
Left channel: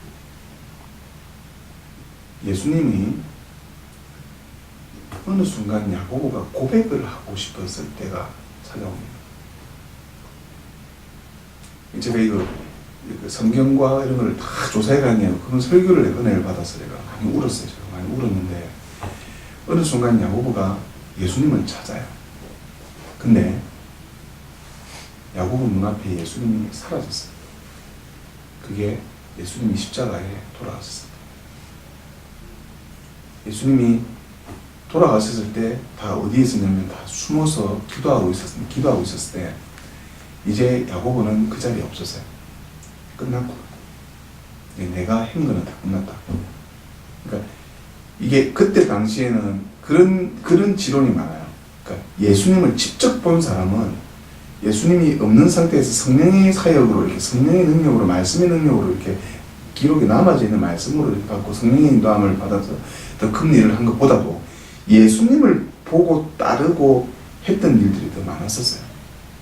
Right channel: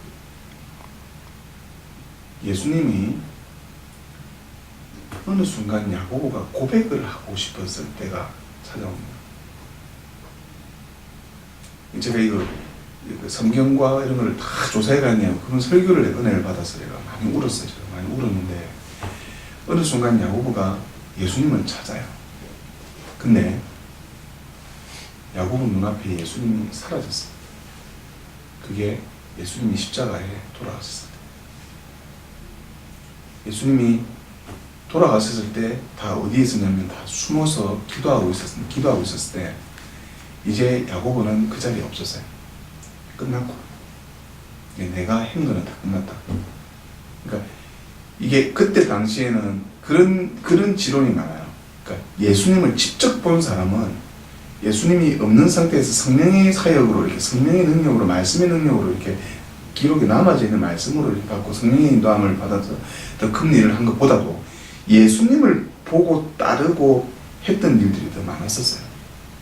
예수님이 어느 순간 야고보가 고백을 하고 싶었을 때가 찾아옵니다. 제가 이거 성경과 이런 걸 다 조사해 가냐고 그런 설교를 은혜를 받아서 제가 많이 울었어요. 제가 많이 울었는데 어느 순간 야고보가 예수님을 찾아요. 근데 야고보 눈앞에 예수님이 사라졌어요. 그게 예수님이 십자가에 돌아가셨을 때. 예수님이 돌아가셨을 때 다 어디에 있었냐면 다 숨어서 기도하고 있었을 때 이제 야고보는 그 자리에 없었어요. 끝났구나. 내가 한 거는 다 끝났다. 그러니까 이게 그때 당시에는 그런 지론이 많아요. 그러니까 예수님을 직접 본 사람은 예수님이 없는 상태에서 성령의 사역으로 이렇게 성령의 능력으로 말씀의 능력으로 이렇게 기록에 남아져 있는 말씀으로 이렇게 받고 성령의 인도함을 받아서 더 큰 일을 한 것보다도 예수님을 보고 따르고 했던 일들이 더 많았었어요.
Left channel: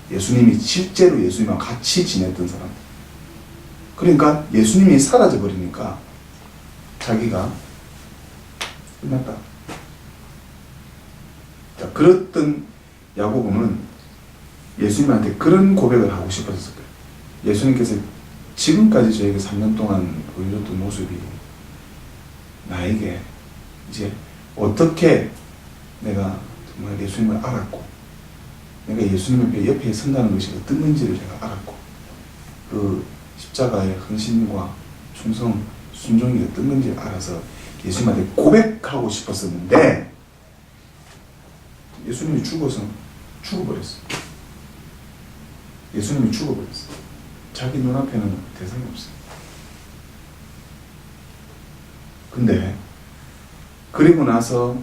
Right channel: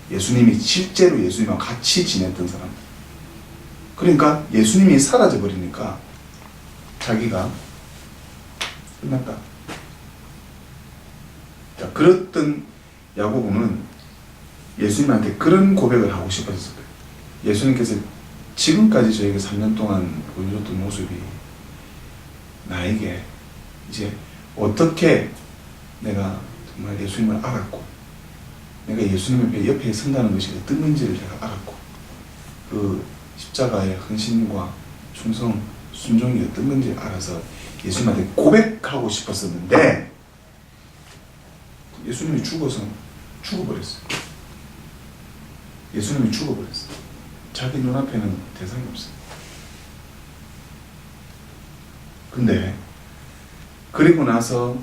예수님이 실제로 예수님과 같이 지냈던 사람들. 그러니까 예수님이 사라져 버리니까 자기가 끝났다. 자, 그랬던 야고보는 예수님한테 그런 고백을 하고 싶었을 거예요. 예수님께서 지금까지 저에게 3년 동안 보여줬던 모습이 나에게 이제 어떻게 내가 정말 예수님을 알았고 내가 예수님 옆에 선다는 것이 어떤 건지를 제가 알았고 그 십자가의 헌신과 충성, 순종이 어떤 건지 알아서 예수님한테 고백하고 싶었었는데 예수님이 죽어버렸어요. 예수님이 죽어버렸어요. 자기 눈앞에는 대상이 없어요. 근데 그리고 나서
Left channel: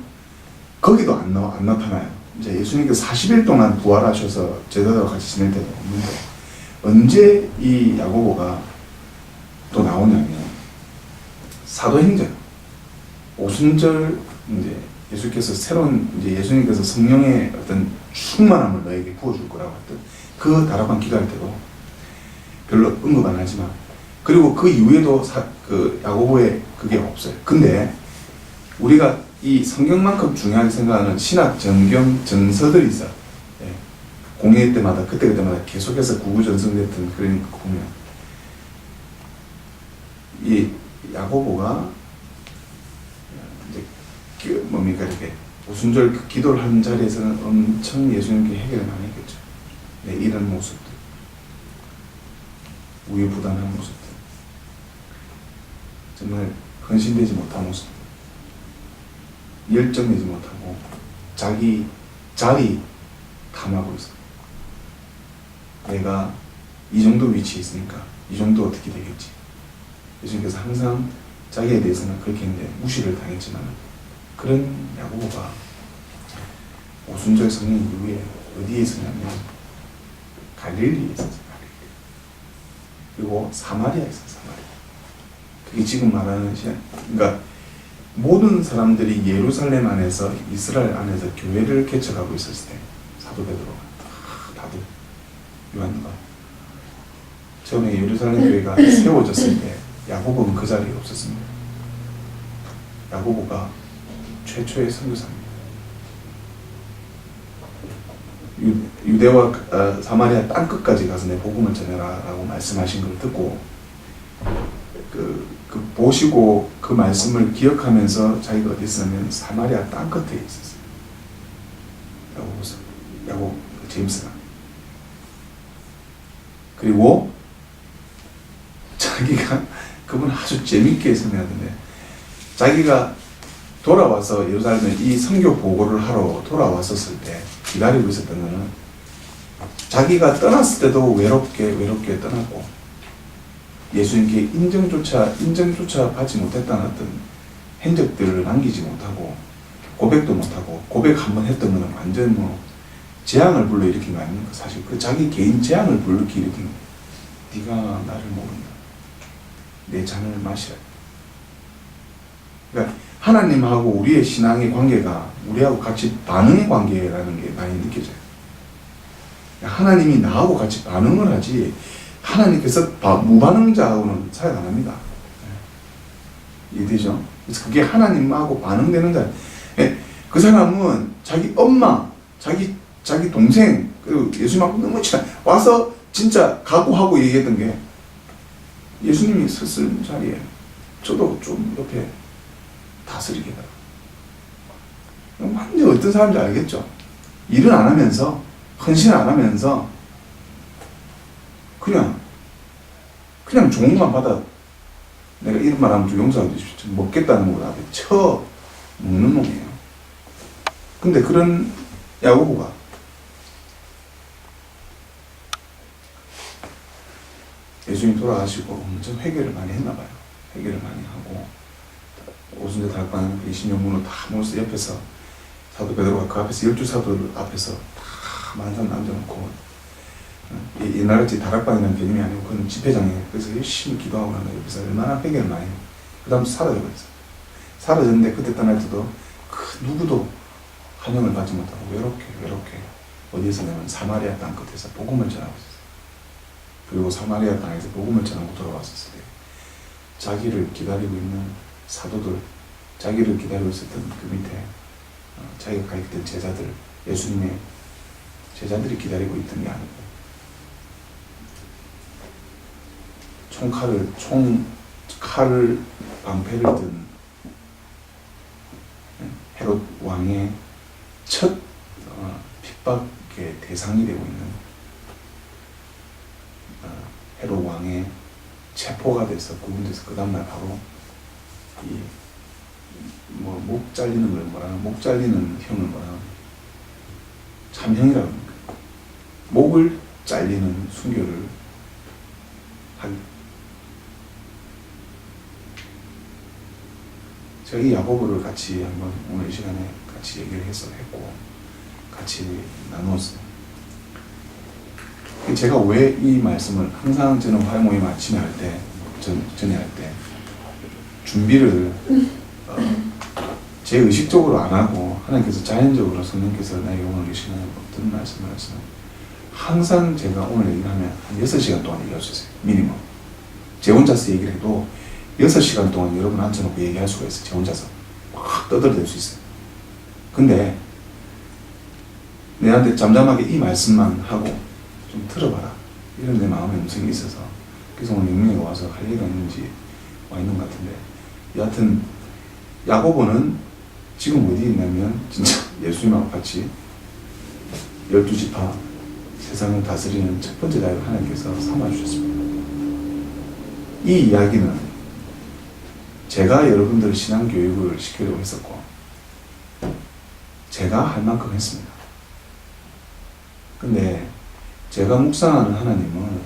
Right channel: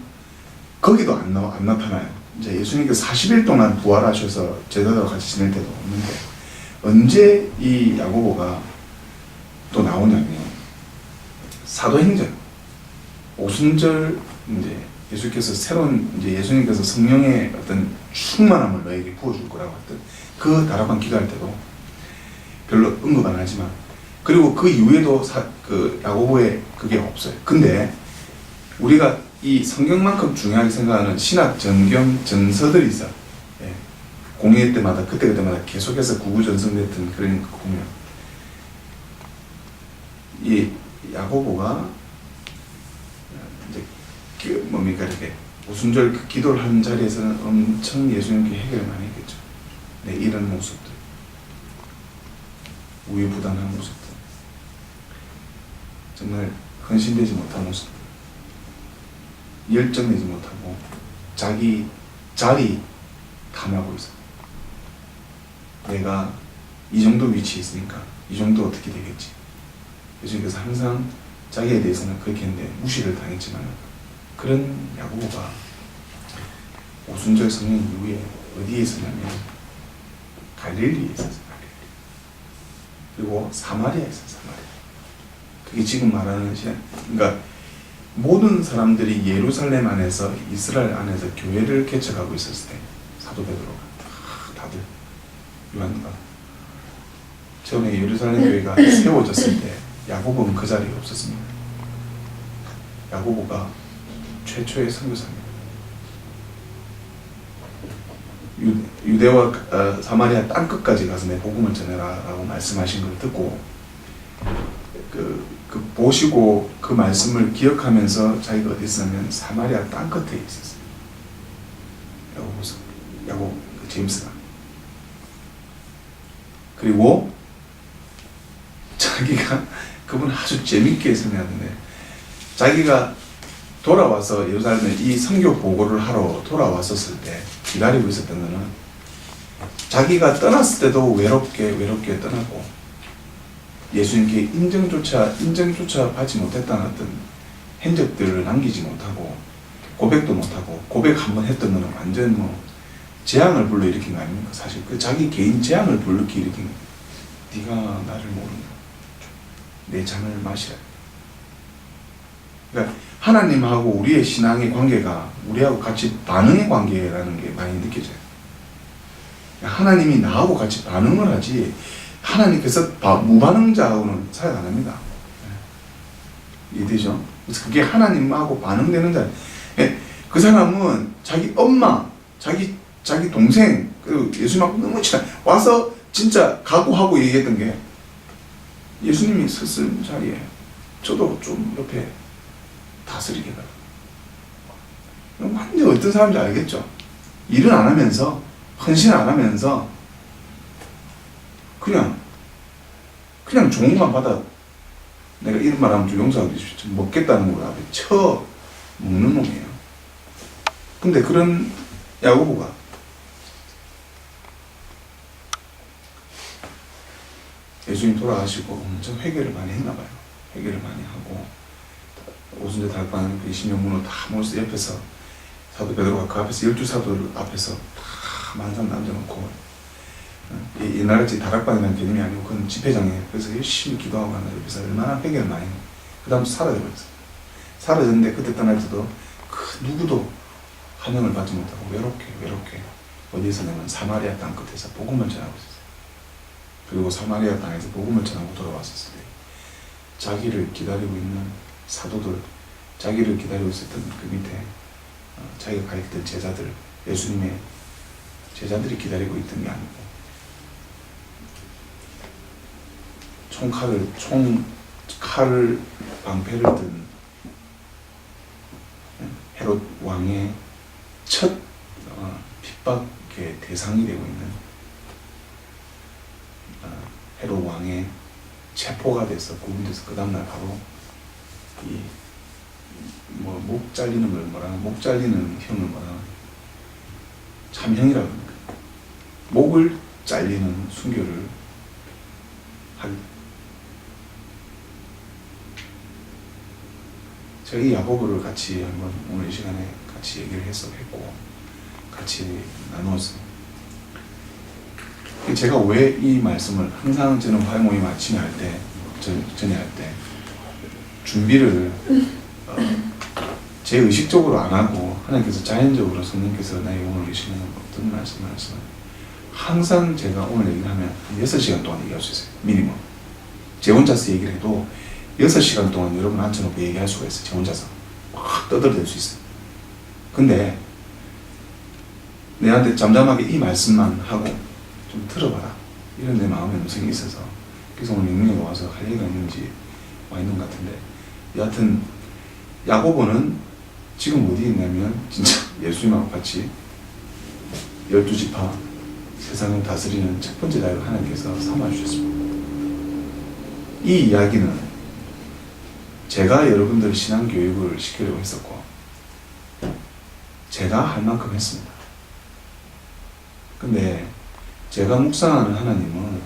거기도 안 나타나요. 이제 예수님께서 40일 동안 부활하셔서 제자들과 같이 지낼 때도 없는데 언제 이 야고보가 또 나오냐면 사도행전 오순절 이제 예수께서 새로운 이제 예수님께서 성령의 어떤 충만함을 너에게 부어줄 거라고 했던 그 다락방 기도할 때도 별로 언급 안 하지만 그리고 그 이후에도 그 야고보의 그게 없어요. 근데 우리가 이 성경만큼 중요하게 생각하는 신학 전경 전서들이 있어. 예. 공예 때마다 그때마다 계속해서 구구전성됐던 그런 거 보면 이 야고보가 이제 그 뭡니까 이렇게 오순절 그 기도를 하는 자리에서는 엄청 예수님께 해결을 많이 했겠죠. 네, 이런 모습들, 우유부단한 모습들, 정말 헌신되지 못한 모습들, 열정내지 못하고 자기 자리 탐하고 있어. 내가 이 정도 위치에 있으니까 이 정도 어떻게 되겠지. 예수님께서 항상 자기에 대해서는 그렇게 했는데 무시를 당했지만 그런 야고보가 오순절 성령 이후에 어디에 있었냐면 갈릴리에 있었어요. 갈릴리. 그리고 사마리아에 있었어요. 사마리아. 그게 지금 말하는 그러니까 모든 사람들이 예루살렘 안에서 이스라엘 안에서 교회를 개척하고 있었을 때 사도 베드로가 다들 요한과 처음에 예루살렘 교회가 세워졌을 때 야고보는 그 자리에 없었습니다. 야고보가 최초의 선교사입니다. 유대와 사마리아 땅끝까지 가서 내 복음을 전해라 라고 말씀하신 걸 듣고 그 보시고 그 말씀을 기억하면서 자기가 어디 있었냐면 사마리아 땅끝에 있었어요. 야고 제임스가. 그리고 자기가 그분 아주 재밌게 설명하던데 자기가 돌아와서 예루살렘에 이 선교 보고를 하러 돌아왔었을 때 기다리고 있었던 거는 자기가 떠났을 때도 외롭게 떠났고 예수님께 인정조차 받지 못했다는 어떤 흔적들을 남기지 못하고 고백도 못하고 고백 한번 했던 거는 완전 뭐 재앙을 불러일으킨 거 아닙니까? 사실 그 자기 개인 재앙을 불러일으킨 네가 나를 모른다. 내 잔을 마시라. 그러니까 하나님하고 우리의 신앙의 관계가 우리하고 같이 반응의 관계라는 게 많이 느껴져요. 하나님이 나하고 같이 반응을 하지 하나님께서 무반응자하고는 사역 안 합니다. 이해되죠? 그래서 그게 하나님하고 반응되는 자. 그 사람은 자기 엄마, 자기 동생, 그리고 예수님하고 너무 친한 와서 진짜 각오하고 얘기했던 게 예수님이 섰을 자리에 저도 좀 옆에 다스리게 해달라. 완전 어떤 사람인지 알겠죠? 일은 안 하면서 헌신 안 하면서 그냥 좋은 것만 받아 내가 이런 말 하면 좀 용서해 주십시오. 먹겠다는 거 앞에 쳐 먹는 놈이에요. 근데 그런 야고보가 예수님 돌아가시고 엄청 회개를 많이 했나 봐요. 회개를 많이 하고 오순절 다락방 20명분을 다 모여서 옆에서 사도 베드로가 그 앞에서 12사도들 앞에서 다 만산 남겨놓고 옛날같이 다락방이라는 개념이 아니고 그건 집회장에 그래서 열심히 기도하고 난 옆에서 얼마나 회개를 많이 했는데 그 다음 사라져버렸어요. 사라졌는데 그때 떠날 때도 그 누구도 환영을 받지 못하고 외롭게 어디에서 내면 사마리아 땅끝에서 복음을 전하고 있었어요. 그리고 사마리아 땅에서 복음을 전하고 돌아왔었을 때 자기를 기다리고 있는 사도들, 자기를 기다리고 있었던 그 밑에 자기가 가르쳤던 제자들, 예수님의 제자들이 기다리고 있던 게 아니고 총칼을 방패를 든 헤롯 왕의 첫 핍박의 대상이 되고 있는 헤롯 왕의 체포가 돼서 구금돼서 그 다음날 바로 목 잘리는 걸 목 잘리는 형을 참형이라고 합니까? 목을 잘리는 순교를 하게. 제가 이 야고보를 같이 한번 오늘 이 시간에 같이 얘기를 했고 같이 나누었어요. 제가 왜 이 말씀을 항상 저는 화요 모임 아침에 할 때, 전에 할 때 준비를 제 의식적으로 안 하고 하나님께서 자연적으로 성령께서 나에게 오늘 이 시간에 어떤 말씀을 하시면 항상 제가 오늘 얘기를 하면 한 6시간 동안 얘기할 수 있어요. 미니멈. 제 혼자서 얘기를 해도 6시간 동안 여러분 앉혀놓고 얘기할 수가 있어요. 제 혼자서 막 떠들어댈 수 있어요. 근데 내한테 잠잠하게 이 말씀만 하고 좀 들어봐라, 이런 내 마음의 음성이 있어서 그래서 오늘 영민이가 와서 할 얘기가 있는지 와 있는 것 같은데, 여하튼 야고보는 지금 어디에 있냐면 진짜 예수님하고 같이 12지파 세상을 다스리는 첫 번째 자유를 하나님께서 삼아주셨습니다. 이 이야기는 제가 여러분들 신앙교육을 시키려고 했었고 제가 할 만큼 했습니다. 근데 제가 묵상하는 하나님은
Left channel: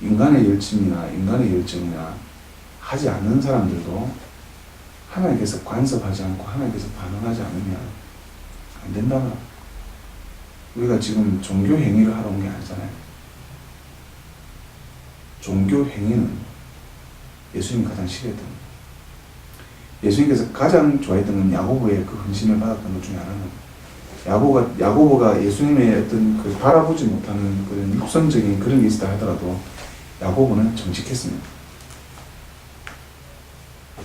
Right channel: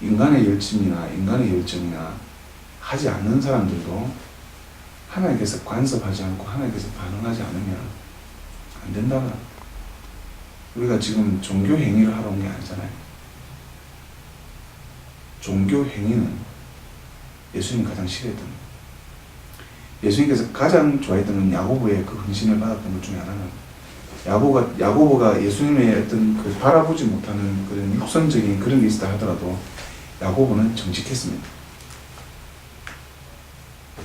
인간의 열심이나 인간의 열정이나 하지 않는 사람들도 하나님께서 간섭하지 않고 하나님께서 반응하지 않으면 안 된다나. 우리가 지금 종교 행위를 하러 온 게 아니잖아요. 종교 행위는 예수님이 가장 싫어했던 거예요. 예수님께서 가장 좋아했던 건 야고보의 그 헌신을 받았던 것 중에 하나는 야고보가 예수님의 어떤 그 바라보지 못하는 그런 육선적인 그런 게 있다 하더라도 야고보는 정직했습니다.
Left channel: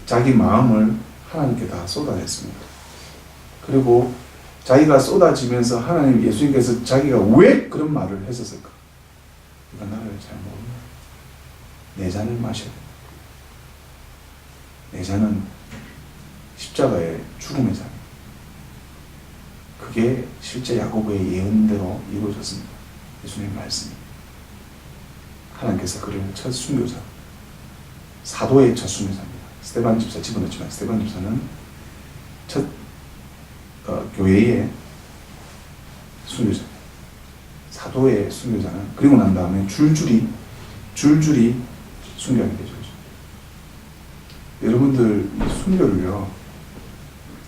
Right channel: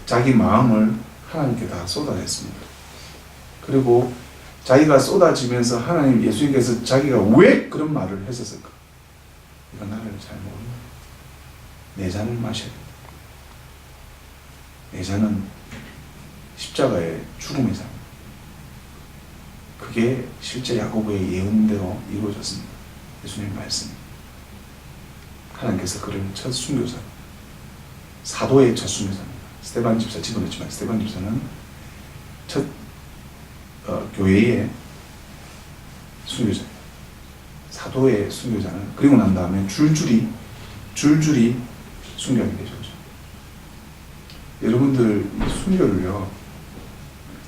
자기 마음을 하나님께 다 쏟아냈습니다. 그리고 자기가 쏟아지면서 하나님, 예수님께서 자기가 왜 그런 말을 했었을까? 네가 나를 잘 모른다. 내 잔을 마셔야 된다. 내 잔은 십자가의 죽음의 잔입니다. 그게 실제 야고보의 예언대로 이루어졌습니다. 예수님의 말씀이. 하나님께서 그를 첫 순교자, 사도의 첫 순교자입니다. 스데반 집사 집어넣지만 스데반 집사는 첫 교회의 순교자예요. 사도의 순교자는 그리고 난 다음에 줄줄이 순교하게 되죠. 그렇죠? 여러분들 이 순교를요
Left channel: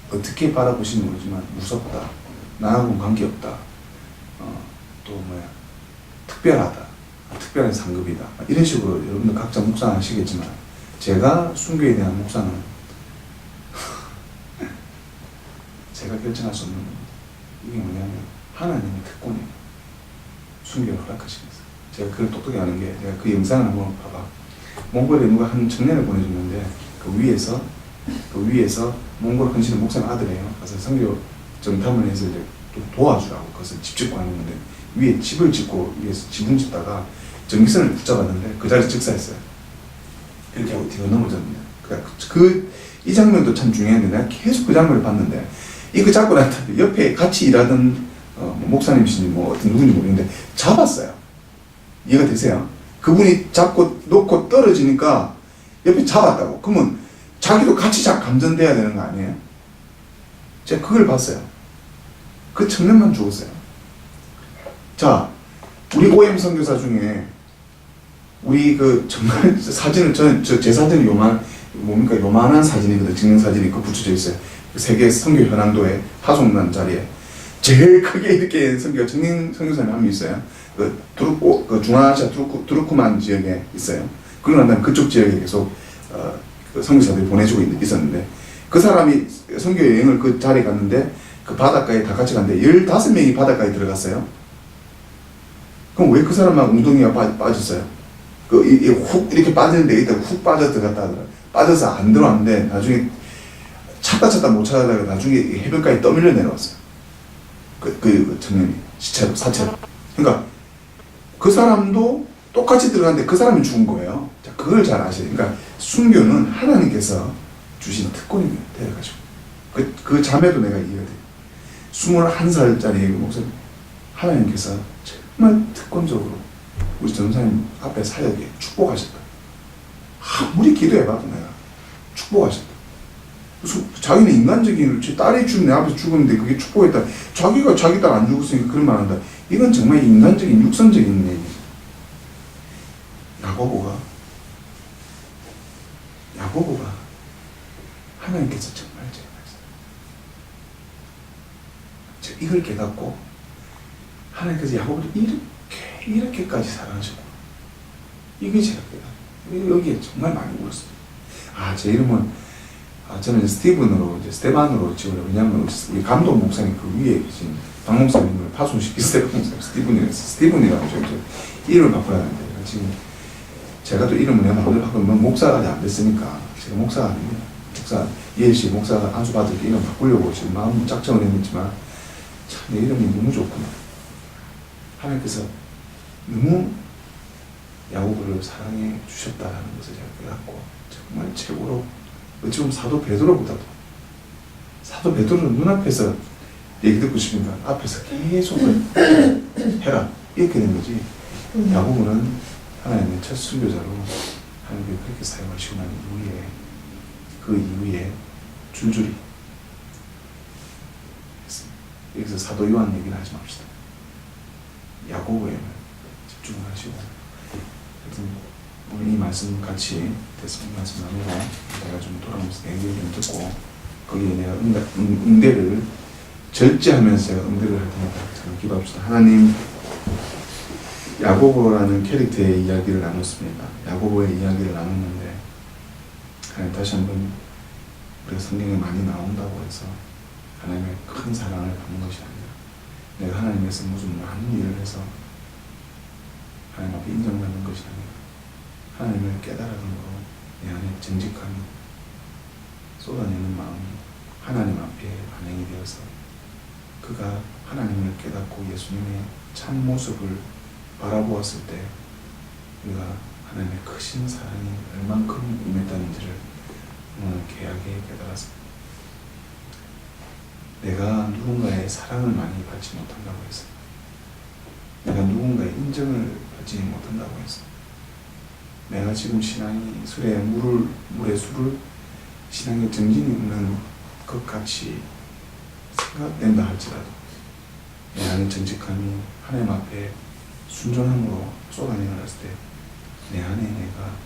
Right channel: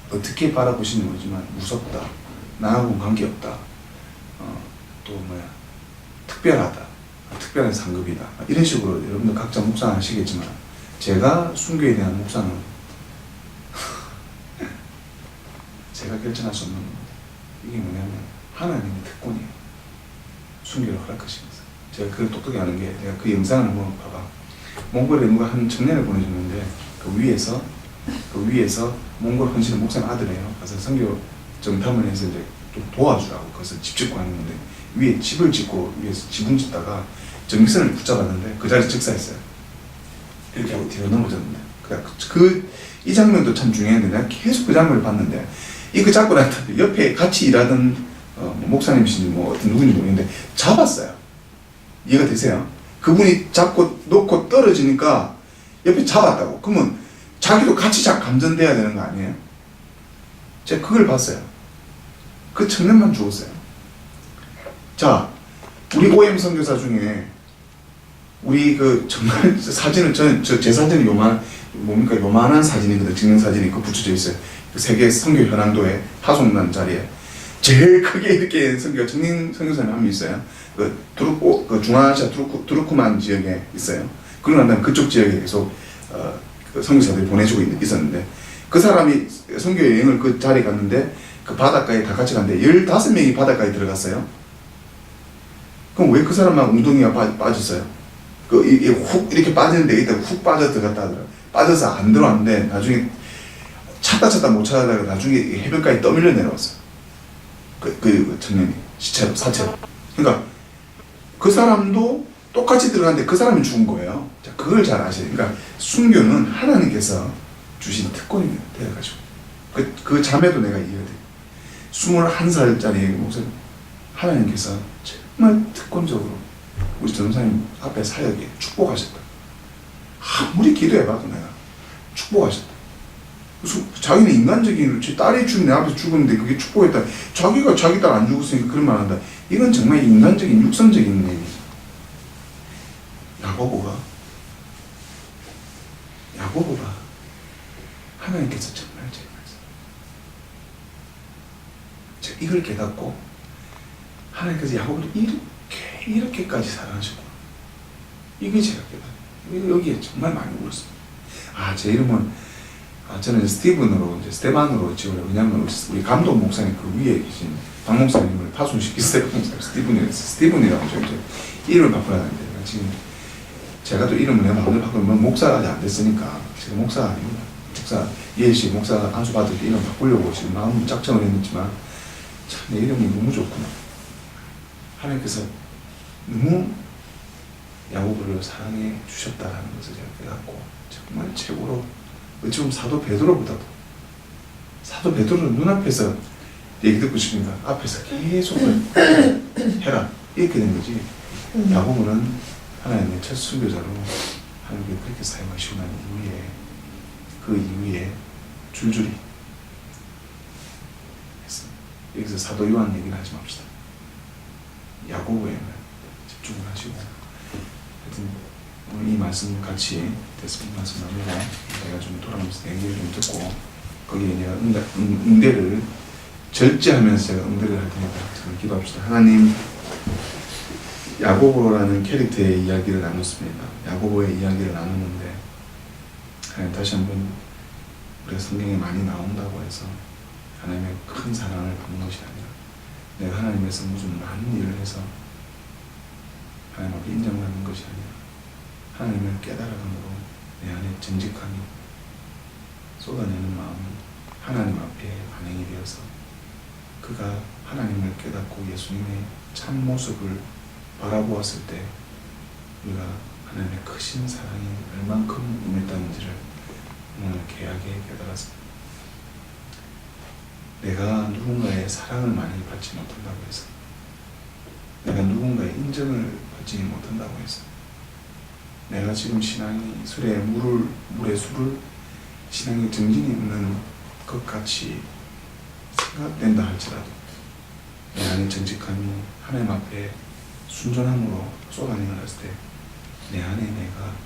어떻게 바라보시는 거지만 무섭다, 나하고는 관계없다, 또 특별하다, 특별한 상급이다, 이런 식으로 여러분들 각자 묵상하시겠지만 제가 순교에 대한 묵상은 제가 결정할 수 없는 겁니다. 이게 뭐냐면 하나님의 특권이에요. 순교를 허락하신 것은. 제가 그걸 똑똑히 아는 게, 제가 그 영상을 한번 봐봐. 몽골에 누가 한 청년을 보내줬는데 그 위에서 몽골 헌신의 목사님 아들이에요. 가서 선교 정탐을 해서 이제 또 도와주라고 거기서 집 짓고 하는 건데, 위에 집을 짓고 위에서 지붕 짓다가 전기선을 붙잡았는데 그 자리에서 즉사했어요. 이렇게 하고 뒤로 넘어졌는데, 이 장면도 참 중요한데 내가 계속 그 장면을 봤는데, 이거 잡고 나한테 옆에 같이 일하던 목사님이신지 어떤 누군지 모르겠는데 잡았어요. 이해가 되세요? 그분이 잡고 놓고 떨어지니까 옆에 잡았다고. 그러면 자기도 같이 감전돼야 되는 거 아니에요? 제가 그걸 봤어요. 그 청년만 죽었어요. 자, 우리 OM 선교사 중에 우리 정말 사진을 제 사진은 요만한 사진이거든. 증명사진이 그 붙여져 있어요. 그 세계 선교 현황도에 파송난 자리에 제일 크게 이렇게 정민 선교사님 한 명 있어요. 그 중앙아시아 두르크만 지역에 있어요. 그러고 난 다음에 그쪽 지역에 계속 그 선교사들이 보내주고 있었는데, 그 사람이 선교 여행을 그 자리에 갔는데 그 바닷가에 다 같이 갔는데 15명이 바닷가에 들어갔어요. 그럼 왜 그 사람만 웅덩이가 빠졌어요? 훅 이렇게 빠지는데 이따 훅 빠져 들어갔다 하더라고요. 빠져서 안 들어왔는데 나중에 찾다 못 찾아다가 나중에 해변가에 떠밀려 내려왔어요. 그 청년이 사체로. 그러니까 그 사람도 똑같이 들어갔는데 그 사람이 죽은 거예요. 자, 그걸 잘 아셔야 돼요. 그러니까 순교는 하나님께서 주신 특권입니다. 데려가시고. 그 자매도 내가 이해가 돼. 21살짜리 목사님, 하나님께서 정말 특권적으로 우리 전도사님 앞에 사역에 축복하셨다. 아무리 기도해봐도 내가 축복하셨다. 그래서 자기는 인간적인, 제 딸이 내 앞에서 죽었는데 그게 축복했다. 자기가 자기 딸 안 죽었으니까 그런 말 한다. 이건 정말 인간적인, 육선적인 얘기죠. 야고보가 하나님께서 정말 제일 많이 사랑하셨어요. 이걸 깨닫고 하나님께서 야곱을 이렇게까지 사랑하셨구나. 이게 제가 깨닫는. 여기에 정말 많이 울었어요. 제 이름은 저는 스테반으로 지으려고. 왜냐하면 우리 감독 목사님 그 위에 계신 박 목사님을 파손시킨 스티븐이라고 이름을 바꾸라는데 지금 제가 또 이름을 내가 마음대로 바꾸면 목사가 아직 안 됐으니까 제가 목사가 아닙니다. 목사 이혜씨 목사가 안수받을 때 이름 바꾸려고 지금 마음 작정을 했지만 참 내 이름이 너무 좋구나. 하나님께서 너무 야고보를 사랑해 주셨다라는 것을 제가 깨닫고 정말 최고로 어찌 보면 사도 베드로보다도 사도 베드로는 눈앞에서 얘기 듣고 싶으니까 앞에서 계속 해라 이렇게 된 거지. 야고보는 하나님의 첫 순교자로 하나님께 그렇게 사용하시고 난 이후에 그 이후에 줄줄이 했습니다. 여기서 사도 요한 얘기는 하지 맙시다. 야고보에만 집중을 하시고 하여튼 오늘 이 말씀 같이 됐으면 말씀 나누고 내가 좀 돌아오면서 얘기를 좀 듣고 거기에 내가 응대를 절제하면서 제가 응대를 할 테니까 저는 기도합시다. 하나님, 야고보라는 캐릭터의 이야기를 나눴습니다. 야고보의 이야기를 나눴는데 하나님 다시 한번 우리가 성경에 많이 나온다고 해서 하나님의 큰 사랑을 받는 것이 아니라 내가 하나님에서 무슨 많은 일을 해서 하나님 앞에 인정받는 것이 아니라 하나님을 깨달아감으로 내 안에 정직함이 쏟아내는 마음이 하나님 앞에 반영이 되어서 그가 하나님을 깨닫고 예수님의 참 모습을 바라보았을 때 우리가 하나님의 크신 사랑이 얼만큼 임했다는지를 오늘 귀하게 깨달았습니다. 내가 누군가의 사랑을 많이 받지 못한다고 해서 내가 누군가의 인정을 받지 못한다고 해서 내가 지금 신앙이 물에 술을 신앙에 정진이 없는 것 같이 생각된다 할지라도 내 안의 정직함이 하나님 앞에 순전함으로 쏟아내어놨을 때 내 안에 내가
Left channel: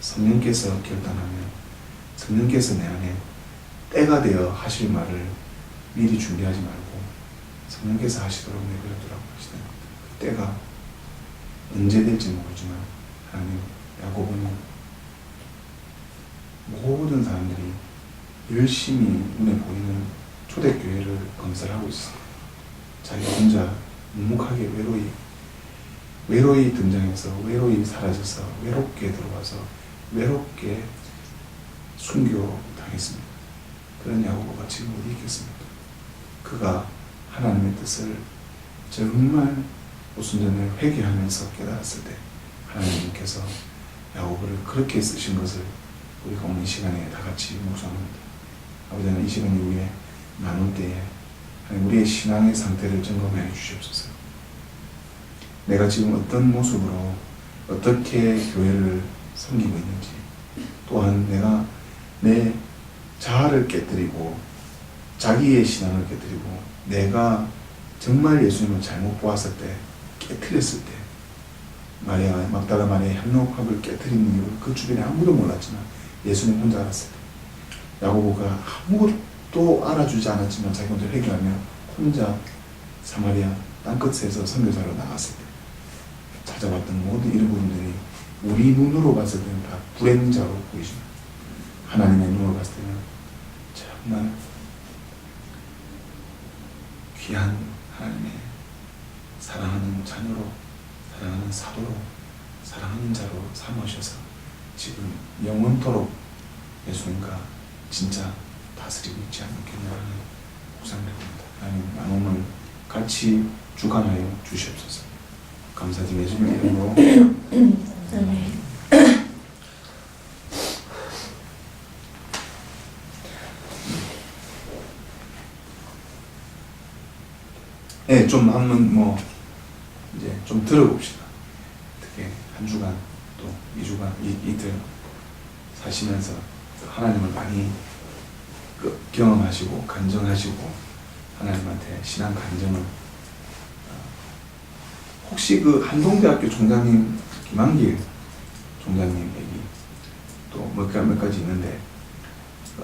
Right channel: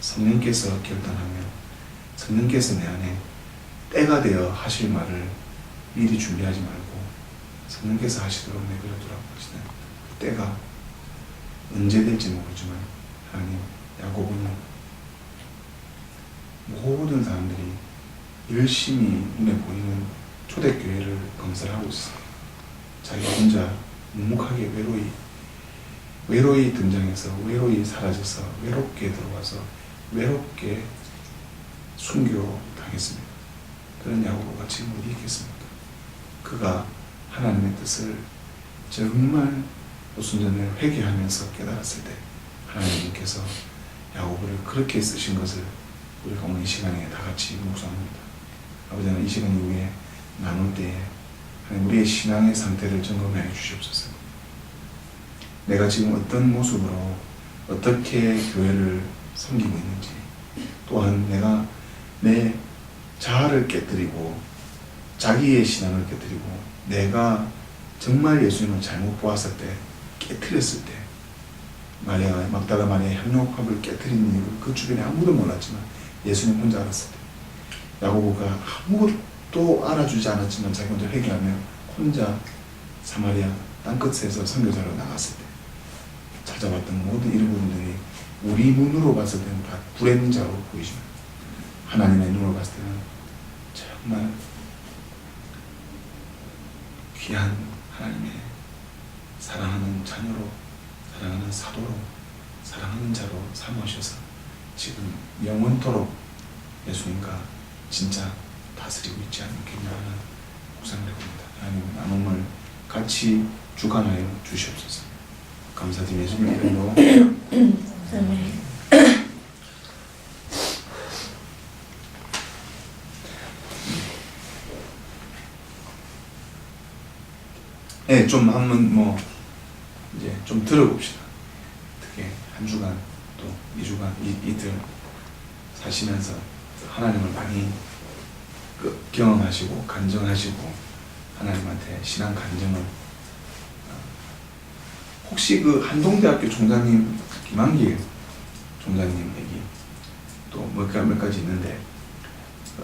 성령께서 결단하면 성령께서 내 안에 때가 되어 하실 말을 미리 준비하지 말고 성령께서 하시도록 내버려두라고 하시는 그 때가 언제 될지 모르지만 하나님, 야고보는 모든 사람들이 열심히 눈에 보이는 초대교회를 건설하고 있어요. 자기 혼자 묵묵하게 외로이 등장해서 외로이 사라져서 외롭게 들어와서 외롭게 순교당했습니다. 그런 야고보가 지금 어디 있겠습니까? 그가 하나님의 뜻을 정말 오순전을 회개하면서 깨달았을 때 하나님께서 야고보를 그렇게 쓰신 것을 우리가 오늘 이 시간에 다 같이 묵상합니다. 아버지 하나님, 이 시간 이후에 나눌 때에 하나님 우리의 신앙의 상태를 점검해 주시옵소서. 내가 지금 어떤 모습으로 어떻게 교회를 섬기고 있는지, 또한 내가 내 자아를 깨뜨리고 자기의 신앙을 깨뜨리고 내가 정말 예수님을 잘못 보았을 때, 깨뜨렸을 때, 막달라 마리아의 향료컵을 깨뜨린 이유를 그 주변에 아무도 몰랐지만 예수님 혼자 알았을 때, 야고보가 아무것도 알아주지 않았지만 자기 혼자 회개하며 혼자 사마리아 땅끝에서 선교사로 나갔을 때 찾아봤던 모든 이런 부분들이 우리 눈으로 봤을 때는 다 불행자로 보이지만 하나님의 눈으로 봤을 때는 정말 귀한 하나님의 사랑하는 자녀로, 사랑하는 사도로, 사랑하는 자로 삼으셔서 지금 영원토록 예수님과 진짜 다스리고 있지 않겠냐 하는 묵상을 해봅니다. 하나님, 나눔을 같이 주관하여 주시옵소서. 감사드리며 예수님 이름으로 아멘. 네, 좀 한번 이제 좀 들어봅시다. 어떻게 한 주간 또 2주간 이틀 사시면서 하나님을 많이 경험하시고 간증하시고 하나님한테 신앙 간증을 혹시 그 한동대학교 총장님 김한길 총장님 얘기 또 몇 가지 있는데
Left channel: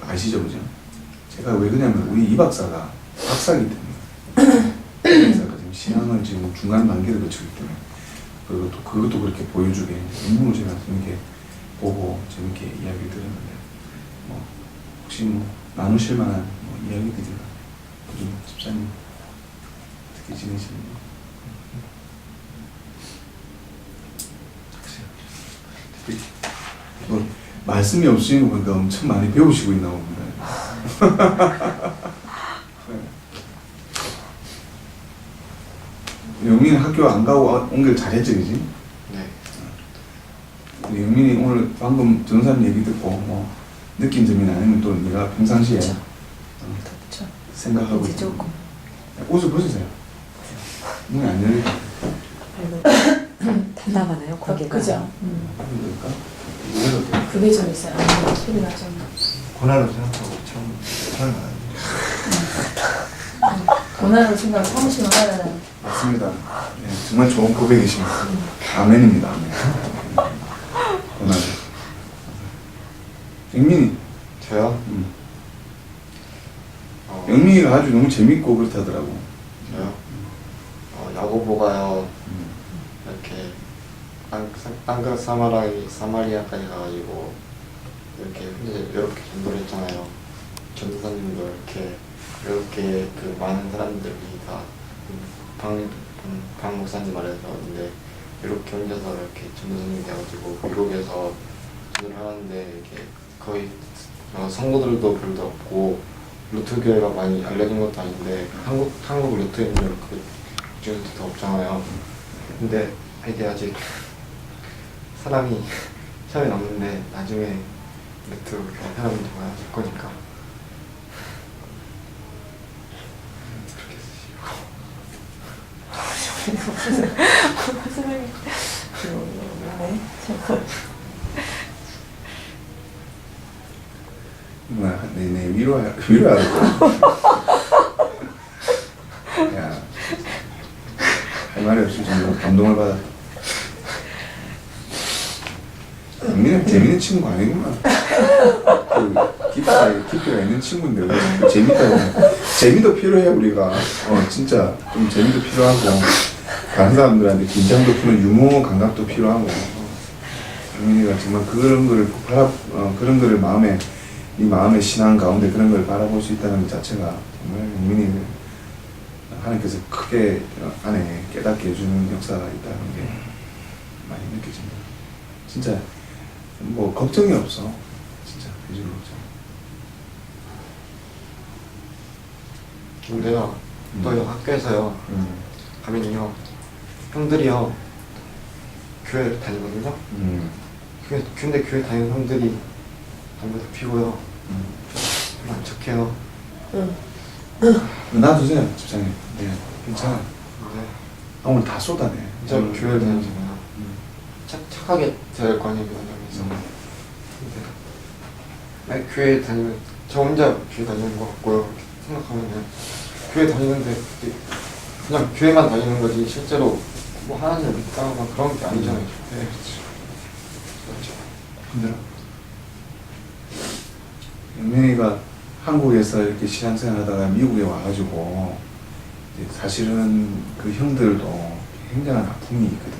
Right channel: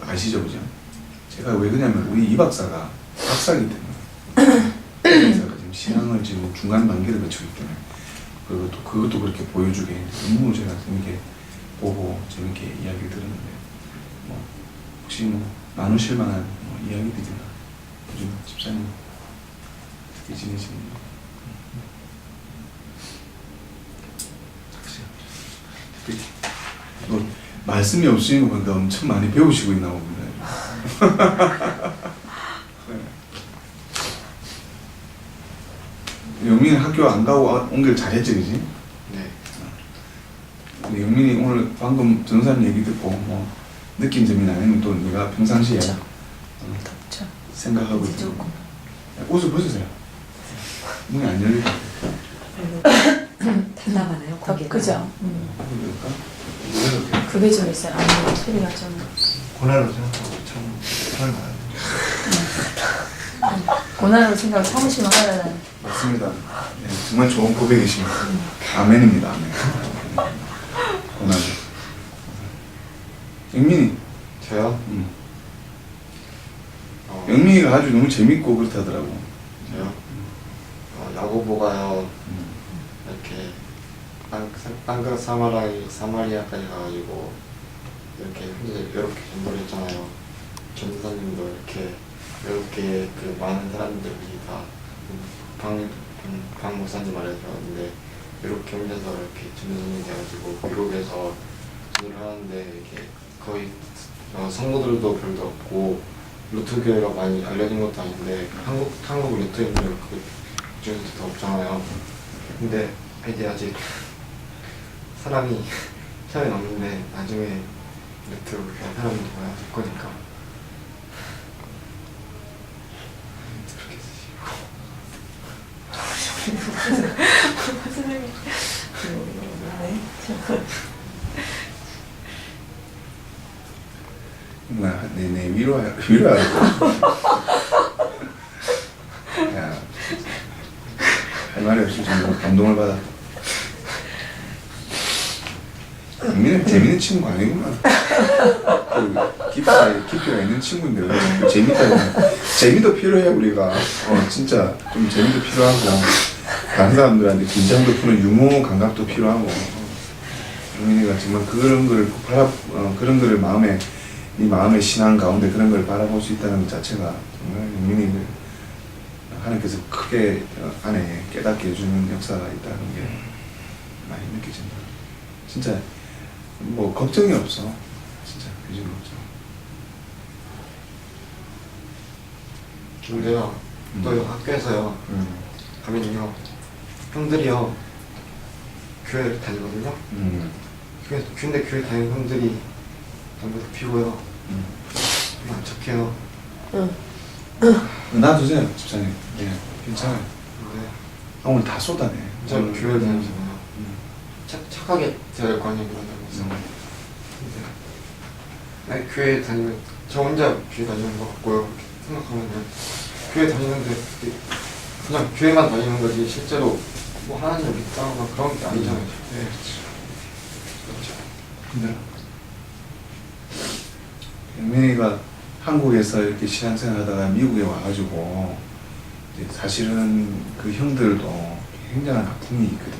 아시죠, 그죠? 제가 왜 그러냐면 우리 이 박사가 박사이기 때문에 이 박사가 지금 신앙을 지금 중간 단계를 거치기 때문에 그것도 그렇게 보여주게 논문을 제가 재밌게 보고 재밌게 이야기 들었는데 뭐 혹시 뭐 나누실 만한 뭐 이야기들이나 요즘 집사님 어떻게 지내시는지 뭐 말씀이 없으니까 보니까 엄청 많이 배우시고 있나 봅니다. 영민이 학교 안 가고 온 길 잘했지, 그지? 네. 우리 영민이 오늘 방금 전사님 얘기 듣고 뭐 느낀 점이나 아니면 또 네가 평상시에 덥죠. 생각하고 이제 있는 조금. 옷을 벗으세요. 문이 안 열리고 답답하나요? 거기가. 그죠. 그럴까? 이해도 돼. 그게 좀 있어요. 아무래도 소리가 좀. 고난으로 생각하고 참 사랑을 하는데 고난으로 생각하고 사무실만 하려는. 맞습니다. 네, 정말 좋은 고백이십니다. 아멘입니다. 아멘. 고난. 영민이. 저요? 영민이가 아주 너무 재밌고 그렇다더라고. 저요? 야구 보가요. 이렇게 땅끝 사마리아까지 가가지고 이렇게 혼자 이렇게 전도를 했잖아요. 전도사님도 이렇게 그 많은 사람들이 다 방 목사님 말하셨는데 이렇게 혼자서 이렇게 전도사님 돼가지고 미국에서 전도를 하는데 이렇게 거의 성도들도 별로 없고 루트 교회가 많이 알려진 것도 아닌데 한국 루트 있는 그 중에서 더 없잖아요. 근데 이게 아직 사람이 시험이 남는데 나중에 루트 그냥 사람이 돼야 될 거니까 그렇게 쓰시고. 네. 내 위로하라. 야, 할 말이 없이 정말 감동을 받았다. 영민은 재밌는 친구 아니구만. 깊이가 있는 친구인데 왜 재밌다. 재미도 필요해 우리가. 진짜 좀 재미도 필요하고 다른 사람들한테 긴장도 푸는 유머 감각도 필요하고. 영민이가 정말 그런 거를 그런 거를 네 마음의 신앙 가운데 그런 걸 바라볼 수 있다는 것 자체가 정말 영민이를 하나님께서 크게 안에 깨닫게 해주는 역사가 있다는 게 많이 느껴진다. 진짜 뭐 걱정이 없어. 진짜 그지 걱정. 근데요 또 학교에서요 가면요 형들이요 교회를 다니거든요. 근데 교회 다니는 형들이 담배도 피고요. 좀 안 착해요. 놔두세요 집사님. 네, 괜찮아요. 근데 오늘 다 쏟아내. 진짜 교회를 다니잖아요. 착하게 돼야 될 거 아니에요, 교회 근데 교회 다니면 저 혼자 교회 다니는 것 같고요. 이렇게 생각하면은 교회 다니는데 그냥 교회만 다니는 거지 실제로 뭐 하나님을 믿다 막 그런 게 아니잖아요. 네, 그렇죠. 근데 영민이가 한국에서 이렇게 신앙생활 하다가 미국에 와가지고 이제 사실은 그 형들도 굉장한 아픔이 있거든.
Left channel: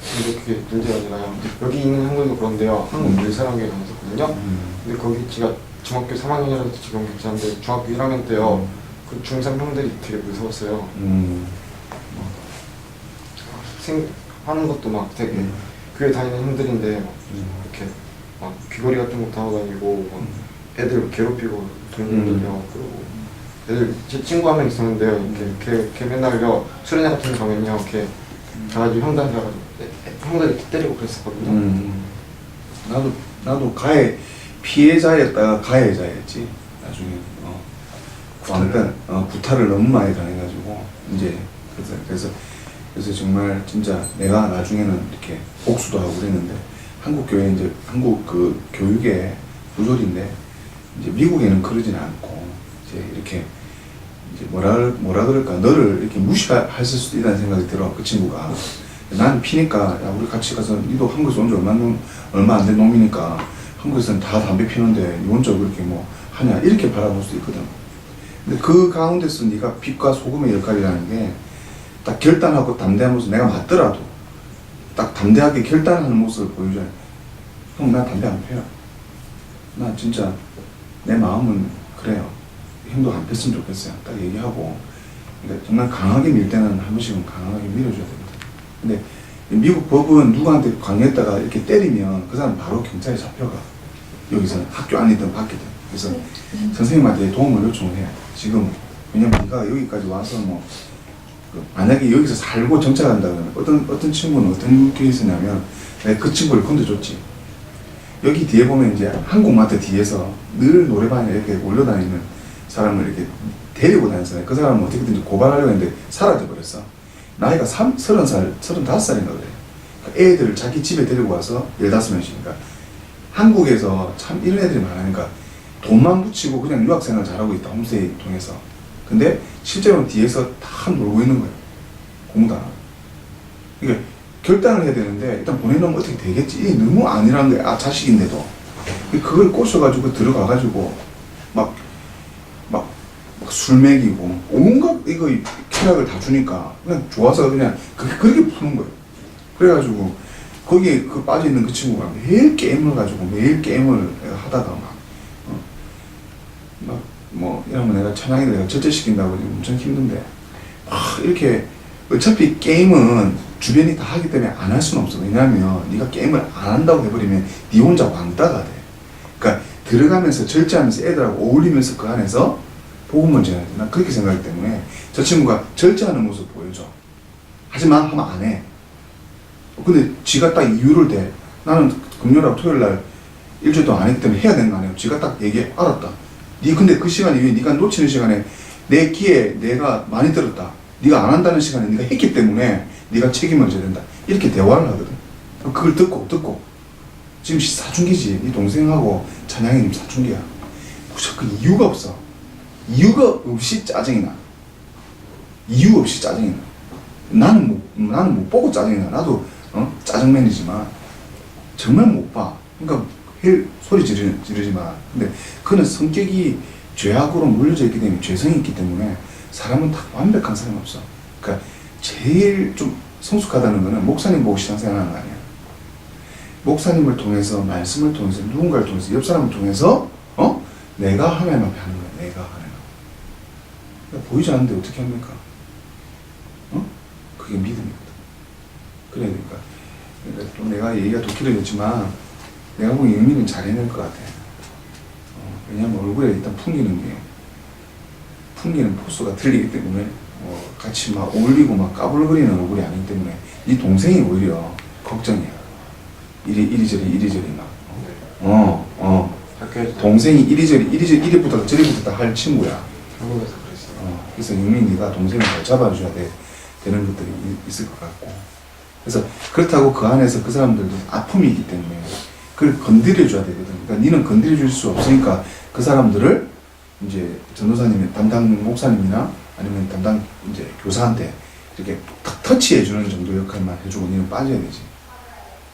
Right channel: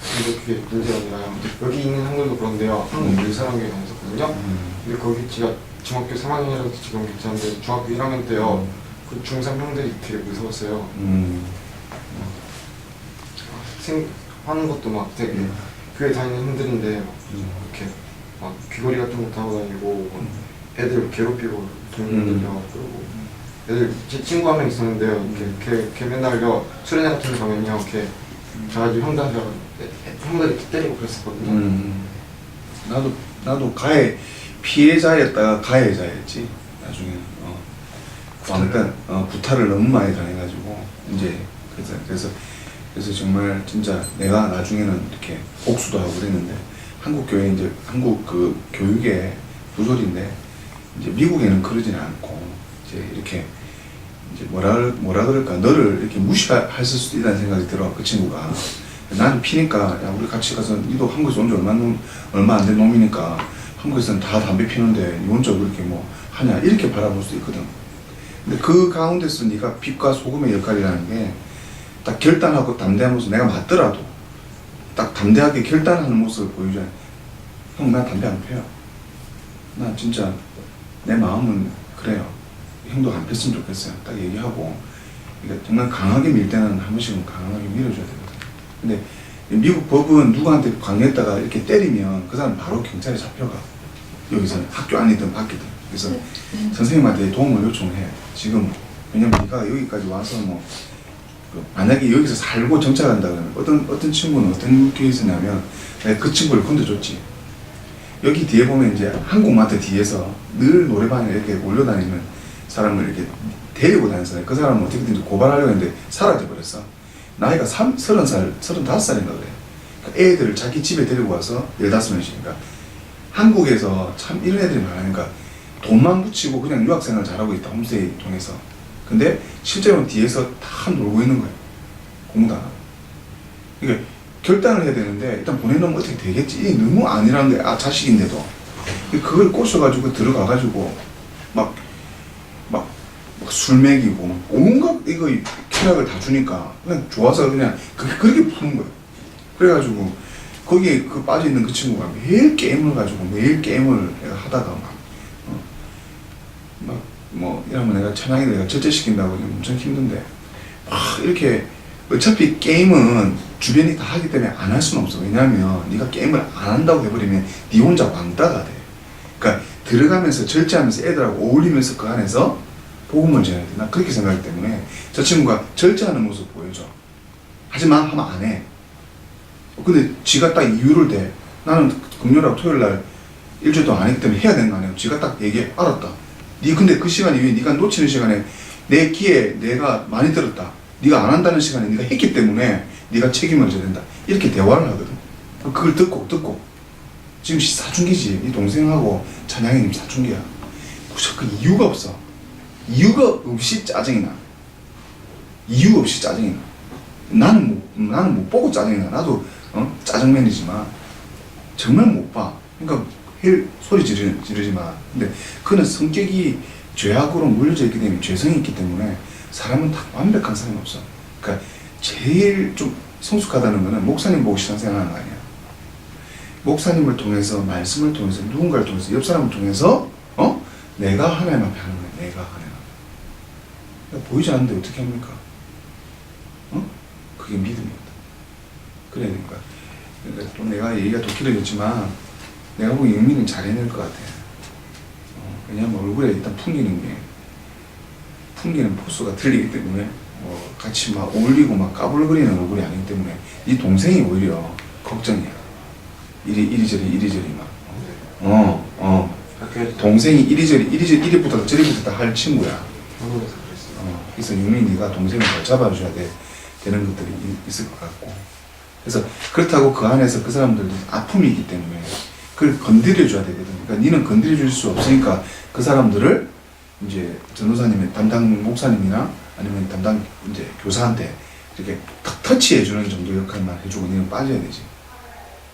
근데 그게 문제가 아니라요. 여기 있는 형들도 그런데요. 한국 밀사랑교회 다녔었거든요. 근데 거기 제가 중학교 3학년이라서 지금 괜찮은데 중학교 1학년 때요. 그 중3 형들이 되게 무서웠어요. 하는 것도 막 되게 교회 다니는 형들인데 막 이렇게 막 귀걸이 같은 것도 하고 다니고 막 애들 괴롭히고 동생들요. 그리고 애들 제 친구 한 명 있었는데요. 이렇게 걔 맨날요 수련회 같은 데 가면요 이렇게 가가지고 형들한테 형들이 때리고 그랬었거든요. 나도 피해자였다가 가해자였지. 나중에는 구타를 너무 많이 당해가지고 이제 그래서 정말 진짜 내가 나중에는 이렇게 복수도 하고 그랬는데 한국 교회 이제 한국 그 교육의 구조인데 이제 미국에는 그러지는 않고 이제 이렇게 이제 뭐라 그럴까 너를 이렇게 무시할 수도 있다는 생각이 들어. 그 친구가 나는 피니까 야 우리 같이 가서 니도 한국에서 온 지 얼마 안 된 놈이니까 한국에서는 다 담배 피우는데 니 혼자 그렇게 뭐 하냐 이렇게 바라볼 수 있거든. 근데 그 가운데서 네가 빛과 소금의 역할이라는 게 딱 결단하고 담대한 모습, 내가 맞더라도 딱 담대하게 결단하는 모습을 보여줘야 형 나 담배 안 피워요. 나 진짜 내 마음은 그래요. 형도 안 폈으면 좋겠어요. 딱 얘기하고 그러니까 정말 강하게 밀 때는 한 번씩은 강하게 밀어줘야 되거든. 근데 미국 법은 누구한테 강요했다가 이렇게 때리면 그 사람 바로 경찰에 잡혀가. 여기서는 학교 안이든 밖이든. 그래서 선생님한테 도움을 요청해. 지금 왜냐면 네가 여기까지 와서 뭐 만약에 여기서 살고 정착한다 그러면 어떤 친구는 어떤 케이스냐면 내가 그 친구를 건드줬지. 여기 뒤에 보면 이제 한국마트 뒤에서 늘 노래방에 이렇게 올려다니는 사람을 이렇게 데리고 다녔어요. 그 사람은 어떻게든지 고발하려고 했는데 사라져버렸어. 나이가 30살, 35살인가 그래. 그러니까 애들을 자기 집에 데리고 와서 15명씩이니까 한국에서 참 이런 애들이 많으니까 돈만 붙이고 그냥 유학생활 잘하고 있다. 홈스테이 통해서. 근데 실제로는 뒤에서 다 놀고 있는 거예요. 공부도 안 하고. 그러니까 결단을 해야 되는데 일단 보내놓으면 어떻게 되겠지. 이게 너무 아니라는 거야. 아 자식인데도. 그걸 꼬셔가지고 들어가가지고 막 술 먹이고 온갖 이거 쾌락을 다 주니까 그냥 좋아서 그냥 그렇게 푸는 거예요. 그래가지고 거기에 그 빠져있는 그 친구가 매일 게임을 가지고 매일 게임을 내가 하다가 뭐 이러면 내가 찬양이를 내가 절제시킨다고 엄청 힘든데 막 이렇게 어차피 게임은 주변이 다 하기 때문에 안 할 수는 없어. 왜냐하면 네가 게임을 안 한다고 해버리면 네 혼자 왕따가 돼. 그러니까 들어가면서 절제하면서 애들하고 어울리면서 그 안에서 복음을 전해야 돼. 난 그렇게 생각하기 때문에 저 친구가 절제하는 모습 보여줘. 하지만 하면 안 해. 근데 지가 딱 이유를 대. 나는 금요일하고 토요일날 일주일 동안 안 했기 때문에 해야 되는 거 아니에요. 지가 딱 얘기해. 알았다. 니 근데 그 시간 이후에 네가 놓치는 시간에 내 귀에 내가 많이 들었다. 네가 안 한다는 시간에 네가 했기 때문에 네가 책임을 져야 된다. 이렇게 대화를 하거든. 그걸 듣고 지금 사춘기지. 네 동생하고 찬양이님 사춘기야. 그 이유가 없어. 이유가 없이 짜증이 나. 이유 없이 짜증이 나. 나는 못 보고 짜증이 나. 나도 짜증맨이지만 정말 못 봐. 그러니까 소리 지르지 마. 근데 그는 성격이 죄악으로 물려져 있기 때문에 죄성이 있기 때문에 사람은 다 완벽한 사람이 없어. 그러니까 제일 좀 성숙하다는 거는 목사님 보고 신앙생활하는 거 아니야. 목사님을 통해서 말씀을 통해서 누군가를 통해서 옆 사람을 통해서 내가 하나님 앞에 하는 거야. 내가 하나님 앞에. 그러니까 보이지 않는데 어떻게 합니까? 그게 믿음이거든. 그래야 되니까. 그러니까 또 내가 얘기가 더 길어졌지만 내가 보기엔 영민은 잘 해낼 것 같아. 왜냐하면 얼굴에 일단 풍기는 포스가 틀리기 때문에 같이 막 어울리고 막 까불거리는 얼굴이 아니기 때문에 네 동생이 오히려 걱정이야. 이리저리 막. 동생이 이리부터 저리부터 다 할 친구야. 한국에서 그랬어요. 그래서 영민 네가 동생을 잘 잡아줘야 되는 것들이 있을 것 같고. 그래서 그렇다고 그 안에서 그 사람들도 아픔이 있기 때문에 그걸 건드려줘야 되거든. 그러니까 니는 건드려줄 수 없으니까 그 사람들을 이제 전도사님의 담당 목사님이나 아니면 담당 이제 교사한테 이렇게 탁 터치해주는 정도 역할만 해주고 니는 빠져야 되지.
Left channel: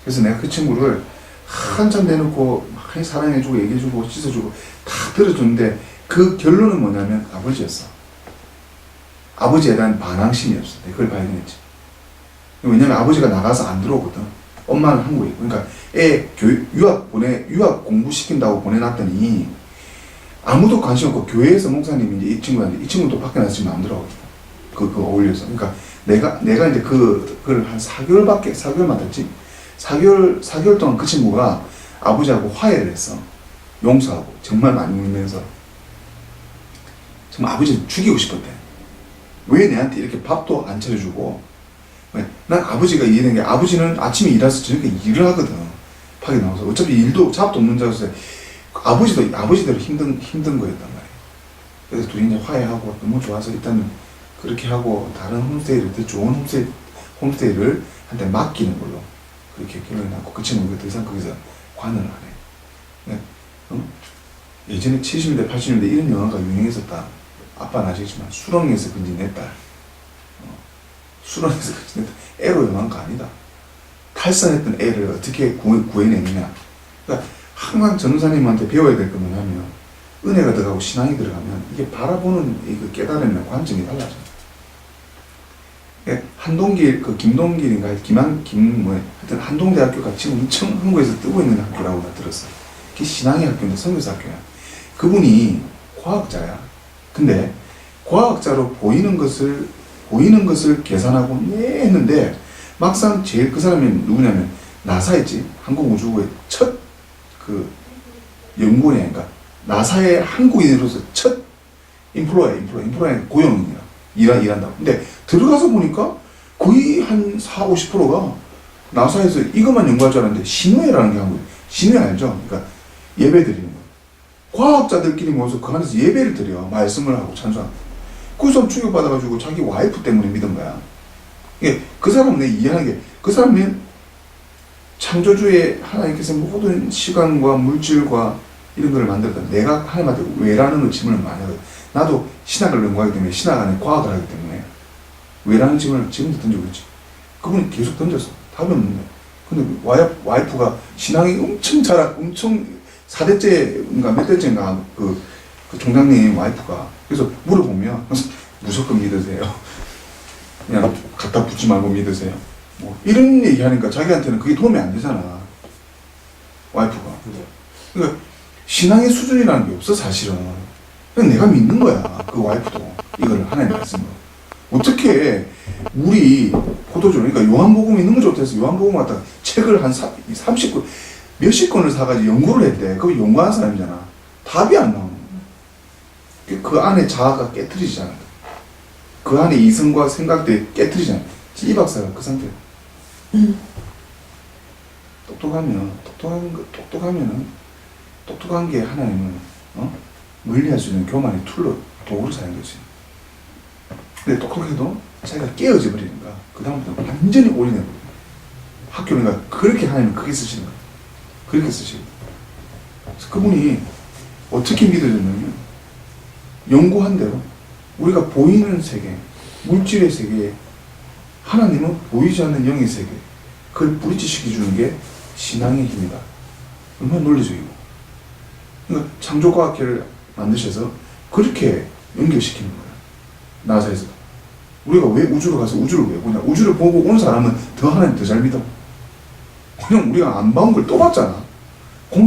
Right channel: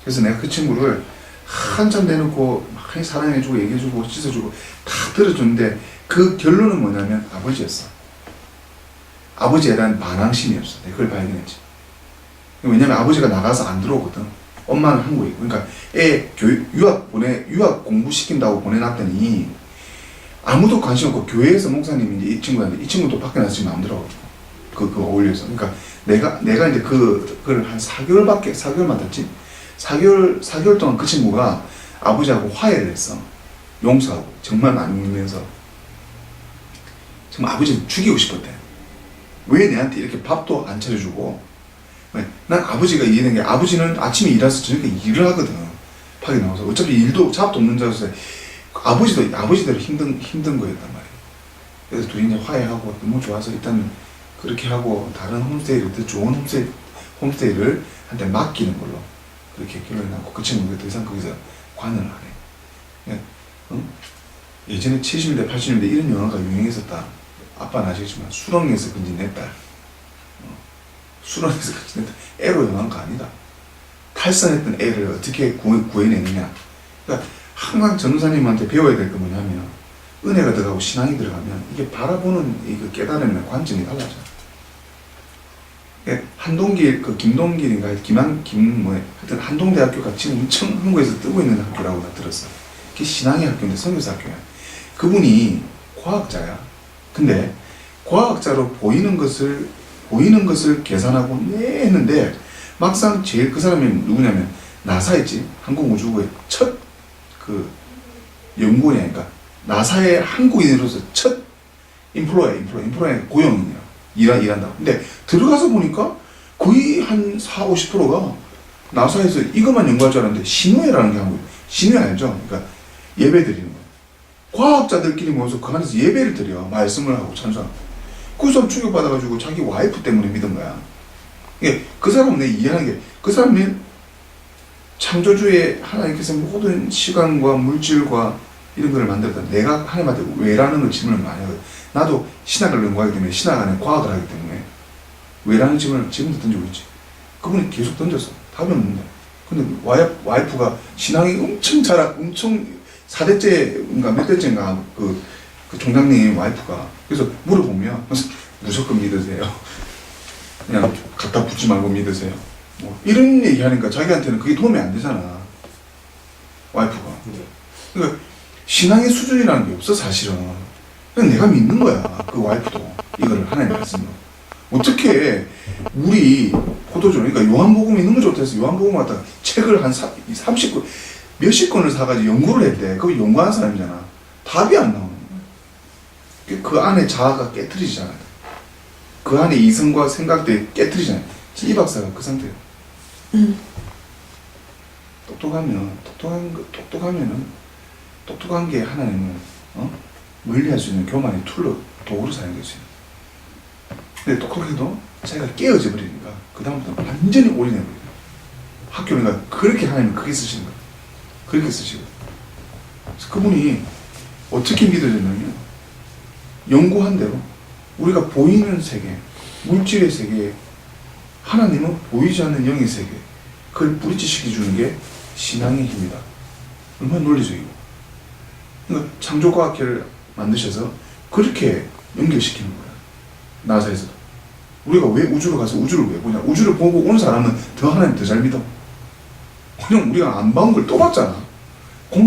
그래서 내가 그 친구를 한참 내놓고 막 사랑해주고 얘기해주고 씻어주고 다 들어줬는데 그 결론은 뭐냐면 아버지였어. 아버지에 대한 반항심이었어. 내가 그걸 발견했지. 왜냐면 아버지가 나가서 안 들어오거든. 엄마는 한국에 있고. 그러니까 애 유학 공부시킨다고 보내놨더니 아무도 관심 없고 교회에서 목사님이 이제 이 친구한테 이 친구도 밖에 나서 지금 안 들어가지고 그거 어울려서. 그러니까 내가 이제 그걸 한 4개월 맡았지. 4개월 동안 그 친구가 아버지하고 화해를 했어. 용서하고 정말 많이 울면서 정말 아버지를 죽이고 싶었대. 왜 내한테 이렇게 밥도 안 차려주고. 난 아버지가 이해된 게 아버지는 아침에 일해서 저녁에 일을 하거든. 밖에 나와서 어차피 일도 잡도 없는 자로서 아버지대로 힘든 거였단 말이에요. 그래서 둘이 이제 화해하고 너무 좋아서 일단은 그렇게 하고 다른 홈스테이를 더 좋은 홈스테이를 한테 맡기는 걸로 그렇게 결론이 났고 그 친구가 더 이상 거기서 관여를 안 해. 예전에 70년대 80년대 이런 영화가 유행했었다. 아빠는 아시겠지만 수렁에서 건진 내 딸. 수렁에서 건진 내 딸. 애로 영화가 아니다. 탈선했던 애를 어떻게 구해내느냐. 그러니까 항상 전도사님한테 배워야 될 게 뭐냐면 은혜가 들어가고 신앙이 들어가면 이게 바라보는 이 깨달음이나 관점이 달라져. 한동길 그 김동길인가 하여튼 한동대학교가 지금 엄청 한국에서 뜨고 있는 학교라고 나 들었어. 그게 신앙의 학교인데 선교사 학교야. 그분이 과학자야. 근데 과학자로 보이는 것을 계산하고 했는데 막상 제일 그 사람이 누구냐면 나사였지. 한국우주국의 첫 그 연구원이니까 나사의 한국인으로서 첫 인플로에 고용이야. 일한다고. 근데 들어가서 보니까 거의 한 40~50%가 나사에서 이것만 연구할 줄 알았는데 신호회라는 게 한 거예요. 신호회 알죠? 그러니까 예배 드리는 거예요. 과학자들끼리 모여서 그 안에서 예배를 드려. 말씀을 하고 찬송하고. 그 사람 충격받아가지고 자기 와이프 때문에 믿은 거야. 그 사람은 내 이해하는 게 그 사람은 창조주의 하나님께서 모든 시간과 물질과 이런 걸 만들었다. 내가 하나님한테 왜라는 걸 질문을 많이 하거든. 나도 신학을 연구하기 때문에 신학 안에 과학을 하기 때문에 왜라는 질문을 지금도 던지고 있지. 그분이 계속 던졌어. 답이 없는데. 근데 와이프가 신앙이 엄청 엄청 4대째인가 몇 대째인가 그 총장님 와이프가 그래서 물어보면 무조건 믿으세요. 그냥 갖다 붙지 말고 믿으세요. 뭐 이런 얘기 하니까 자기한테는 그게 도움이 안 되잖아. 와이프가. 그러니까 신앙의 수준이라는 게 없어 사실은. 그냥 내가 믿는 거야. 그 와이프도 이거를 하나님 말씀으로. 어떻게 우리 포도주 그러니까 요한복음 있는 거 좋다 해서 요한복음 갖다가 책을 한 30권 몇십 권을 사가지고 연구를 했대. 그거 연구한 사람이잖아. 답이 안 나오는 거야. 그 안에 자아가 깨트리잖아. 그 안에 이성과 생각들이 깨트리잖아. 이 박사가 그 상태야. 똑똑한 게 하나님을 멀리할 수 있는 교만의 툴로 도구로 사용될 수 있는. 근데 똑똑해도 자기가 깨어져 버리니까 그 다음부터 완전히 올인해 버려. 학교니까 그렇게 하나님은 크게 쓰시는 거야. 그렇게 쓰시거든. 그래서 그분이 어떻게 믿어졌냐면 연구한 대로 우리가 보이는 세계, 물질의 세계, 하나님은 보이지 않는 영의 세계, 그걸 뿌리치시켜주는 게 신앙의 힘이다. 얼마나 논리적이고. 그러니까 창조과학회를 만드셔서 그렇게 연결시키는 거야. 나사에서도. 우리가 왜 우주로 가서 우주를 왜 보냐. 우주를 보고 온 사람은 더 하나님 더 잘 믿어. 그냥 우리가 안 봐온 걸 또 봤잖아. 공기